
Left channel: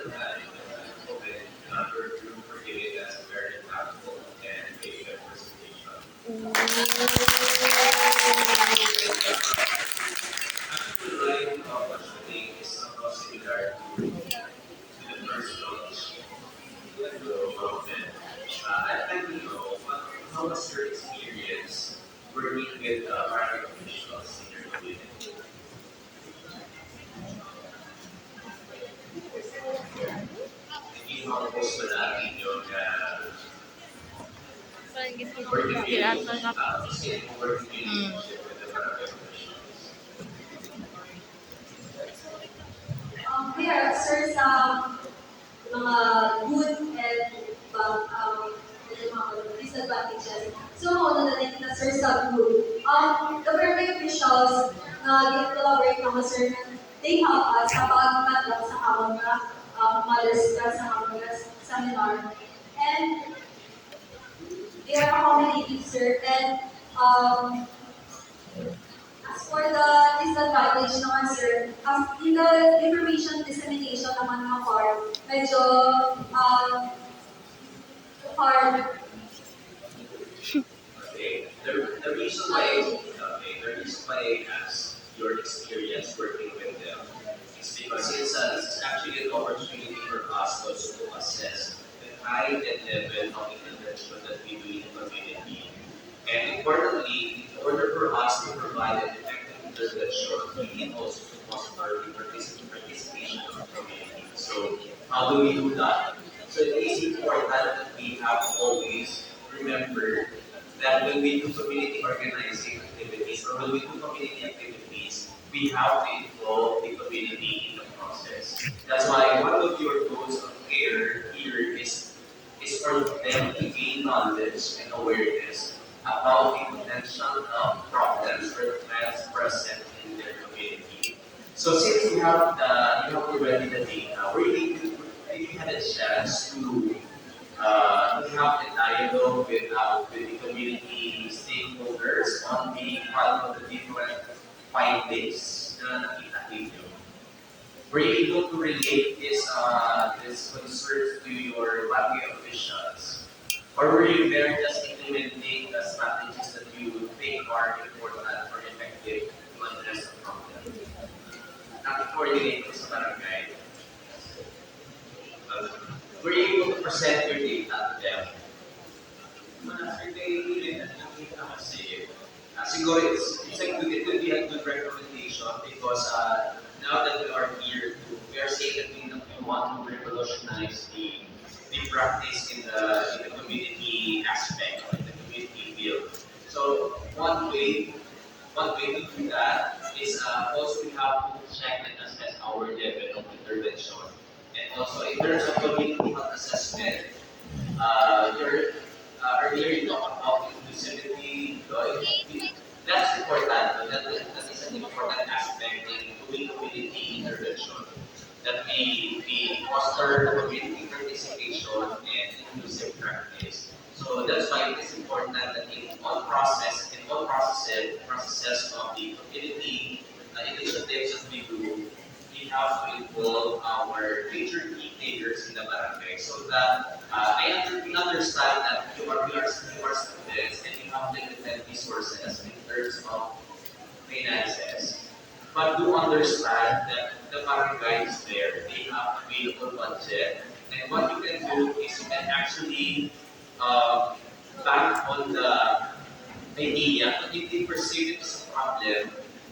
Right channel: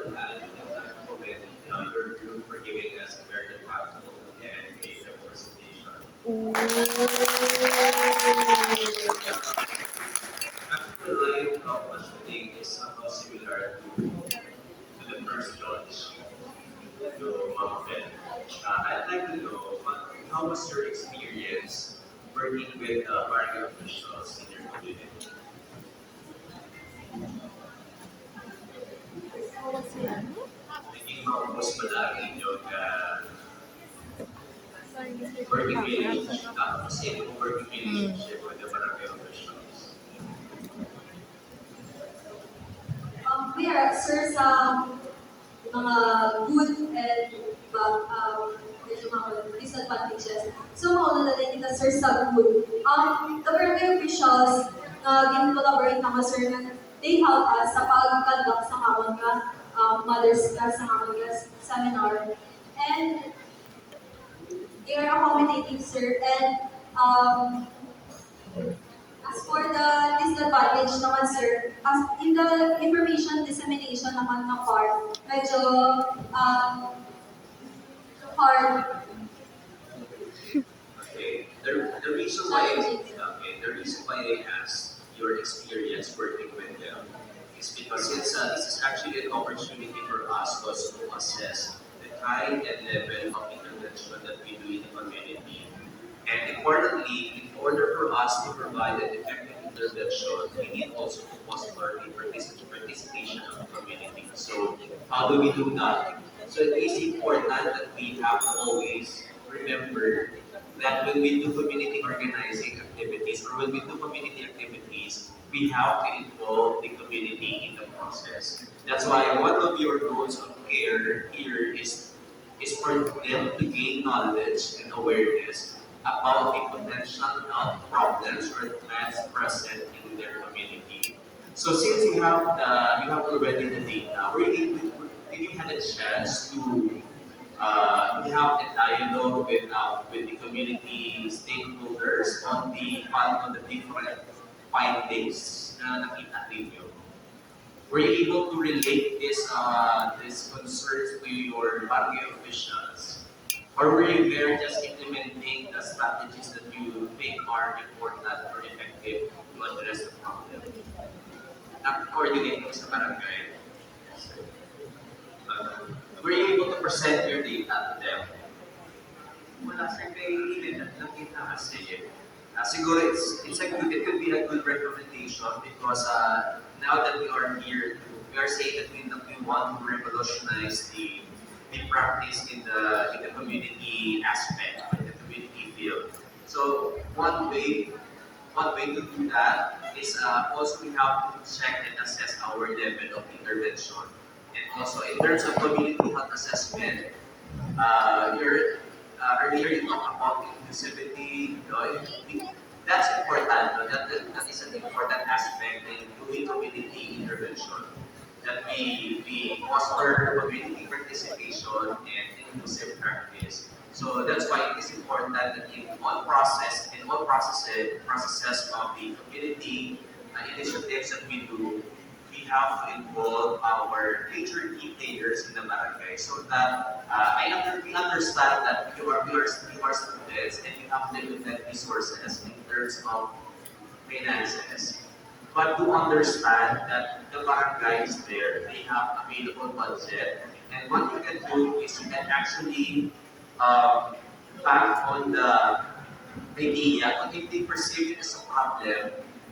open your group for giving us a very impactful and a good presentation. Actually, the line of questioning is somehow similar to the first launch to Mountain. I'd like to know how was your experience working with market officials in your community? Hindi maubos ba natin yung Parang gusto ko working mag-irat relationship, na kasi yung working relationship with the barangay officials? We are, sir, sa mga good and medyo mga disadvantages. So, mauna na din kita, sir, sa good. The barangay officials na collaborate naman, sir, na they help us kapag conduct sa hamon nga mothers ka sa hamon nga seminar. And they are accommodating, sir, and as for the disadvantage naman, sir, as in the information dissemination naman ng part, medyo hard, Okay. The reason why okay, the reason why I asked your experience working with them is because this is actually an opportunity for us also to assess the kind and level of intervention that we do in the community. And importantly, in order for us to provide an effective intervention, we need also to foster the participation of the community. So how do we do that? So it is important that we have always remember that when we do community organizing activities or when we do community activities, we have to involve the community in the process. That's why one of your goals of care here is for them to gain knowledge and awareness about the potential health problems or threats present in their community. So since you have already the data, did you had a chance to have a dialogue with the community stakeholders on the different findings na nakita ninyo? Were you able to relate this concerns to your barangay officials? Or were you there just implementing the strategies that you think are important or effective to address the problem? Nakikoordinate mo sa barangay. Were you able to present your data to them? Wala sir, kay Ilin at nakita kasi. Siguro it could be a good recommendation because now that we are here, we are saying that we want to revolutionize the practice in the community aspect, in the community field. So one way to do that is also we have to check and assess our level of intervention. And also in terms of community health assessment, earlier you talked about inclusivity, Lloyd. That's important. No? That is an important aspect in doing community intervention. That we foster community participation and inclusive practice. So that's why it is important that in all processes of the community initiatives that we do, we have to involve our major key players in the barangay so that we understand that you are students and you have limited resources in terms of finances. But do understand that the barangay is there, they have available budget, and what you can do is you can actually um, bank on the idea, but if they perceive it as a problem,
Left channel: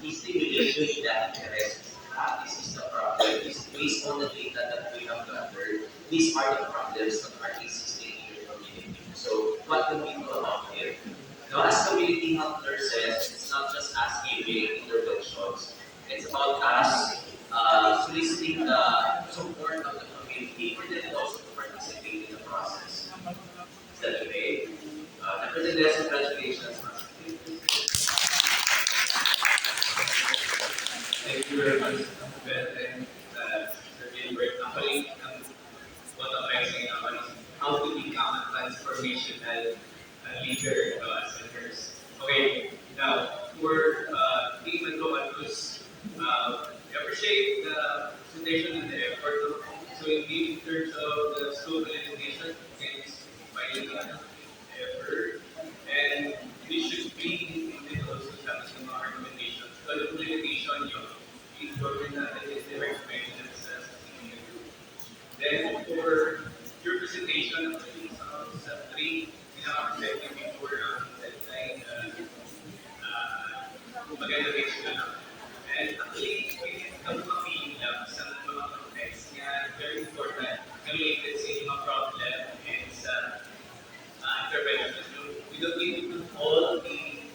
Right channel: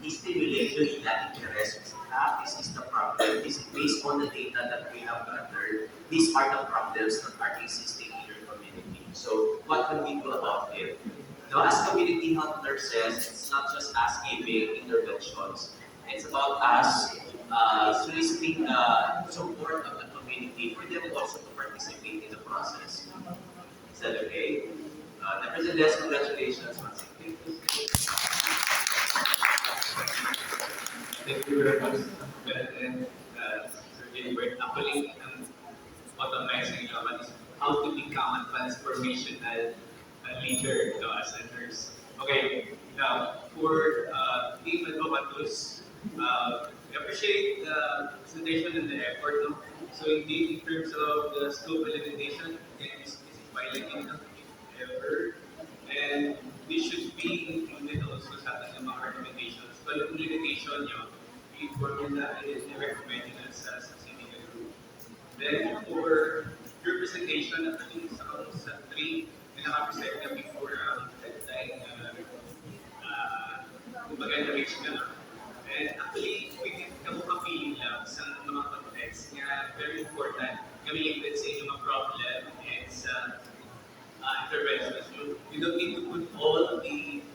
stimulate you that interest. This is the problem. This is based on the data that we have gathered. These are the problems that are existing in your community. So what can we do about it? Now, as community health nurses, it's not just us giving interventions. It's about us soliciting the support of the community for them also to participate in the process. Is that okay? Nevertheless, congratulations. Thank you very much, Ben and Sir Gilbert. Actually, bottom line sa naman is how to become a transformational leader as a nurse. Okay, now for Team Advocatus, we appreciate the presentation and the effort. No? So indeed, in terms of the scope delimitation, can specify limit ng effort, and this should be included also sa ating mga recommendations. So yung limitation nyo, important na i-recommend sa senior group. Then for your presentation, actually sa three pinaka-present niya before ang deadline, kumbaga na-reach na lang. And actually, pwede ka mo mapili lang sa mga context nga very important related sa inyong mga problem and sa intervention. We don't need to put all the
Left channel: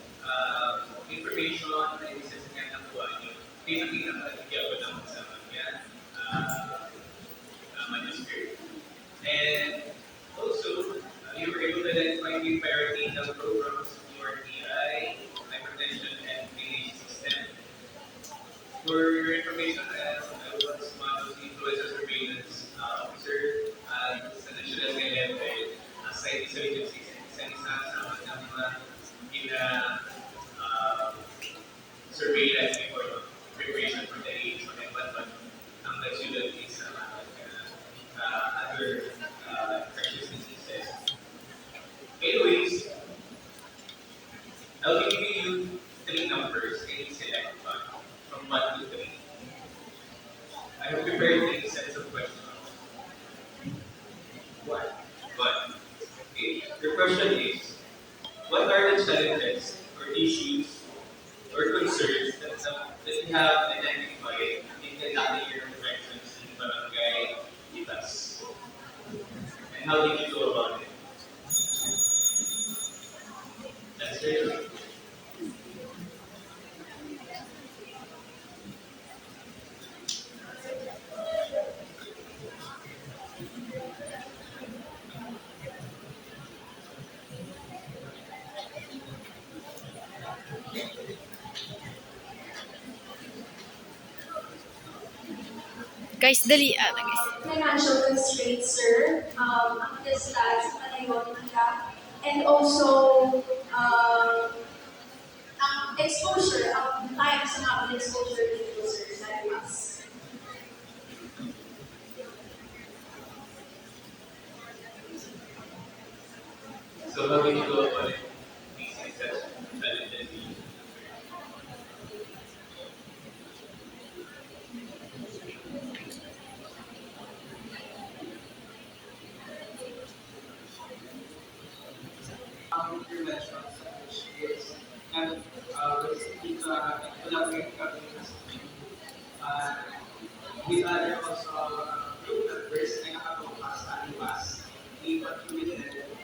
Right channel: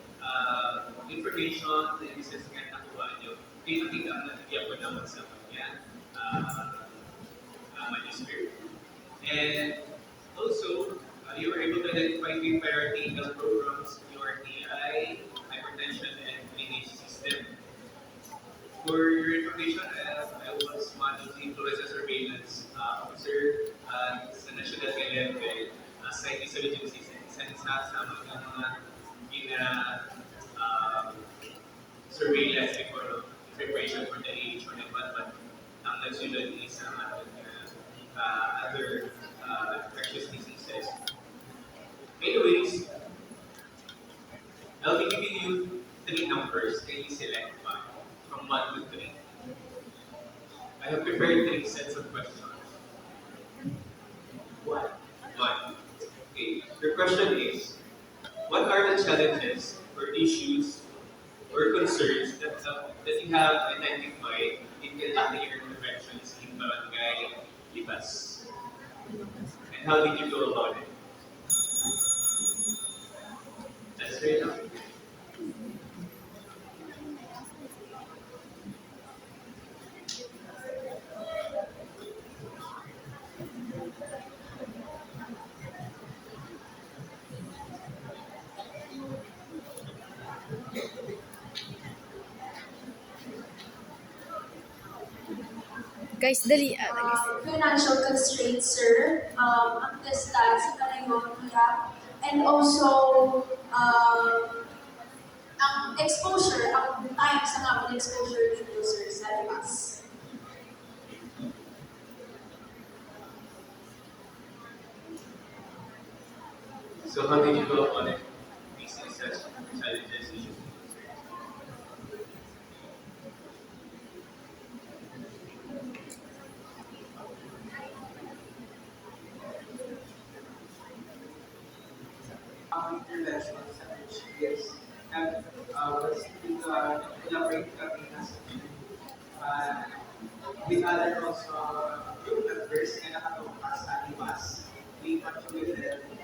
information na inisas nga nakuha nyo. Pinakita ka natigyan ko naman sa mga manuscript. And also, you were able to identify the priority in the programs, URTI, hypertension, and lineage system. For your information, I was one of the influenza surveillance officer sa national level. Site isolation system, isa sa mga surveillance before no, preparation for the age or but ang nagsulat is other infectious diseases. Anyways, I'll be giving you three numbers. Can you select one from 1 to 3? I have prepared three sets of questions. One. One. Okay. Your question is, what are the challenges or issues or concerns that you have identified in conducting your interventions in Barangay Ibas? And how did you go about it? That's right. Guys, dali. Guys. Financial constraints, sir. Ang distance sa kalayon nila. And also, ang exposure, ang time sa nga exposure dito, sir, sa limas. So how did you go about it? Facing such challenges, issues, and Interventions sa HPS. And basically, collaborate kami as a team. Uh, with other also group members na nakatukas sa IBAS. We contributed and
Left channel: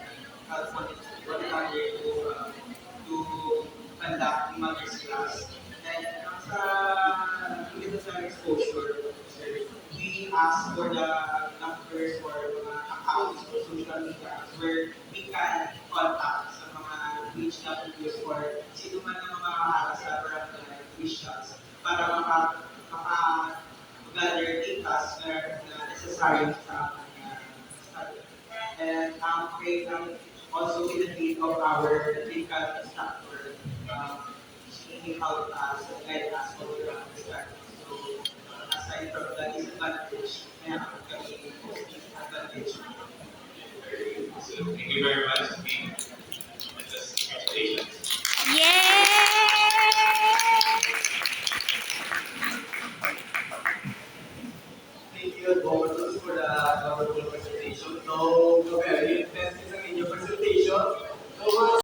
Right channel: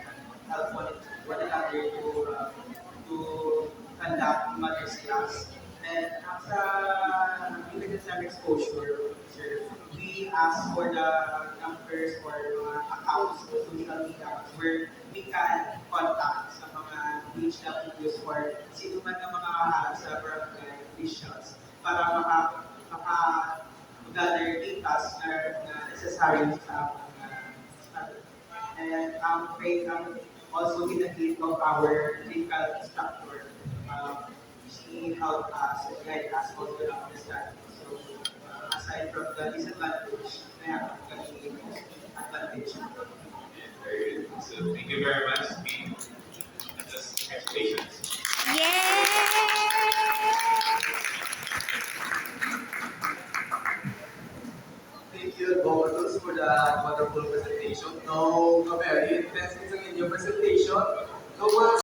help one another to conduct mother's class. And sa limited time exposure, sir, we ask for the numbers for mga accounts or social media where we can contact sa mga HWs for sino man ng mga sa barangay officials para gather data na necessary sa study. And also with the aid of our clinical instructor, she helped us and guide us all around the study. So aside from the disadvantage, na kami mostly advantage. very good. So thank you very much. And just congratulations. Thank you, Advocatus, for the wonderful presentation. No, very intense isang inyong presentation. No,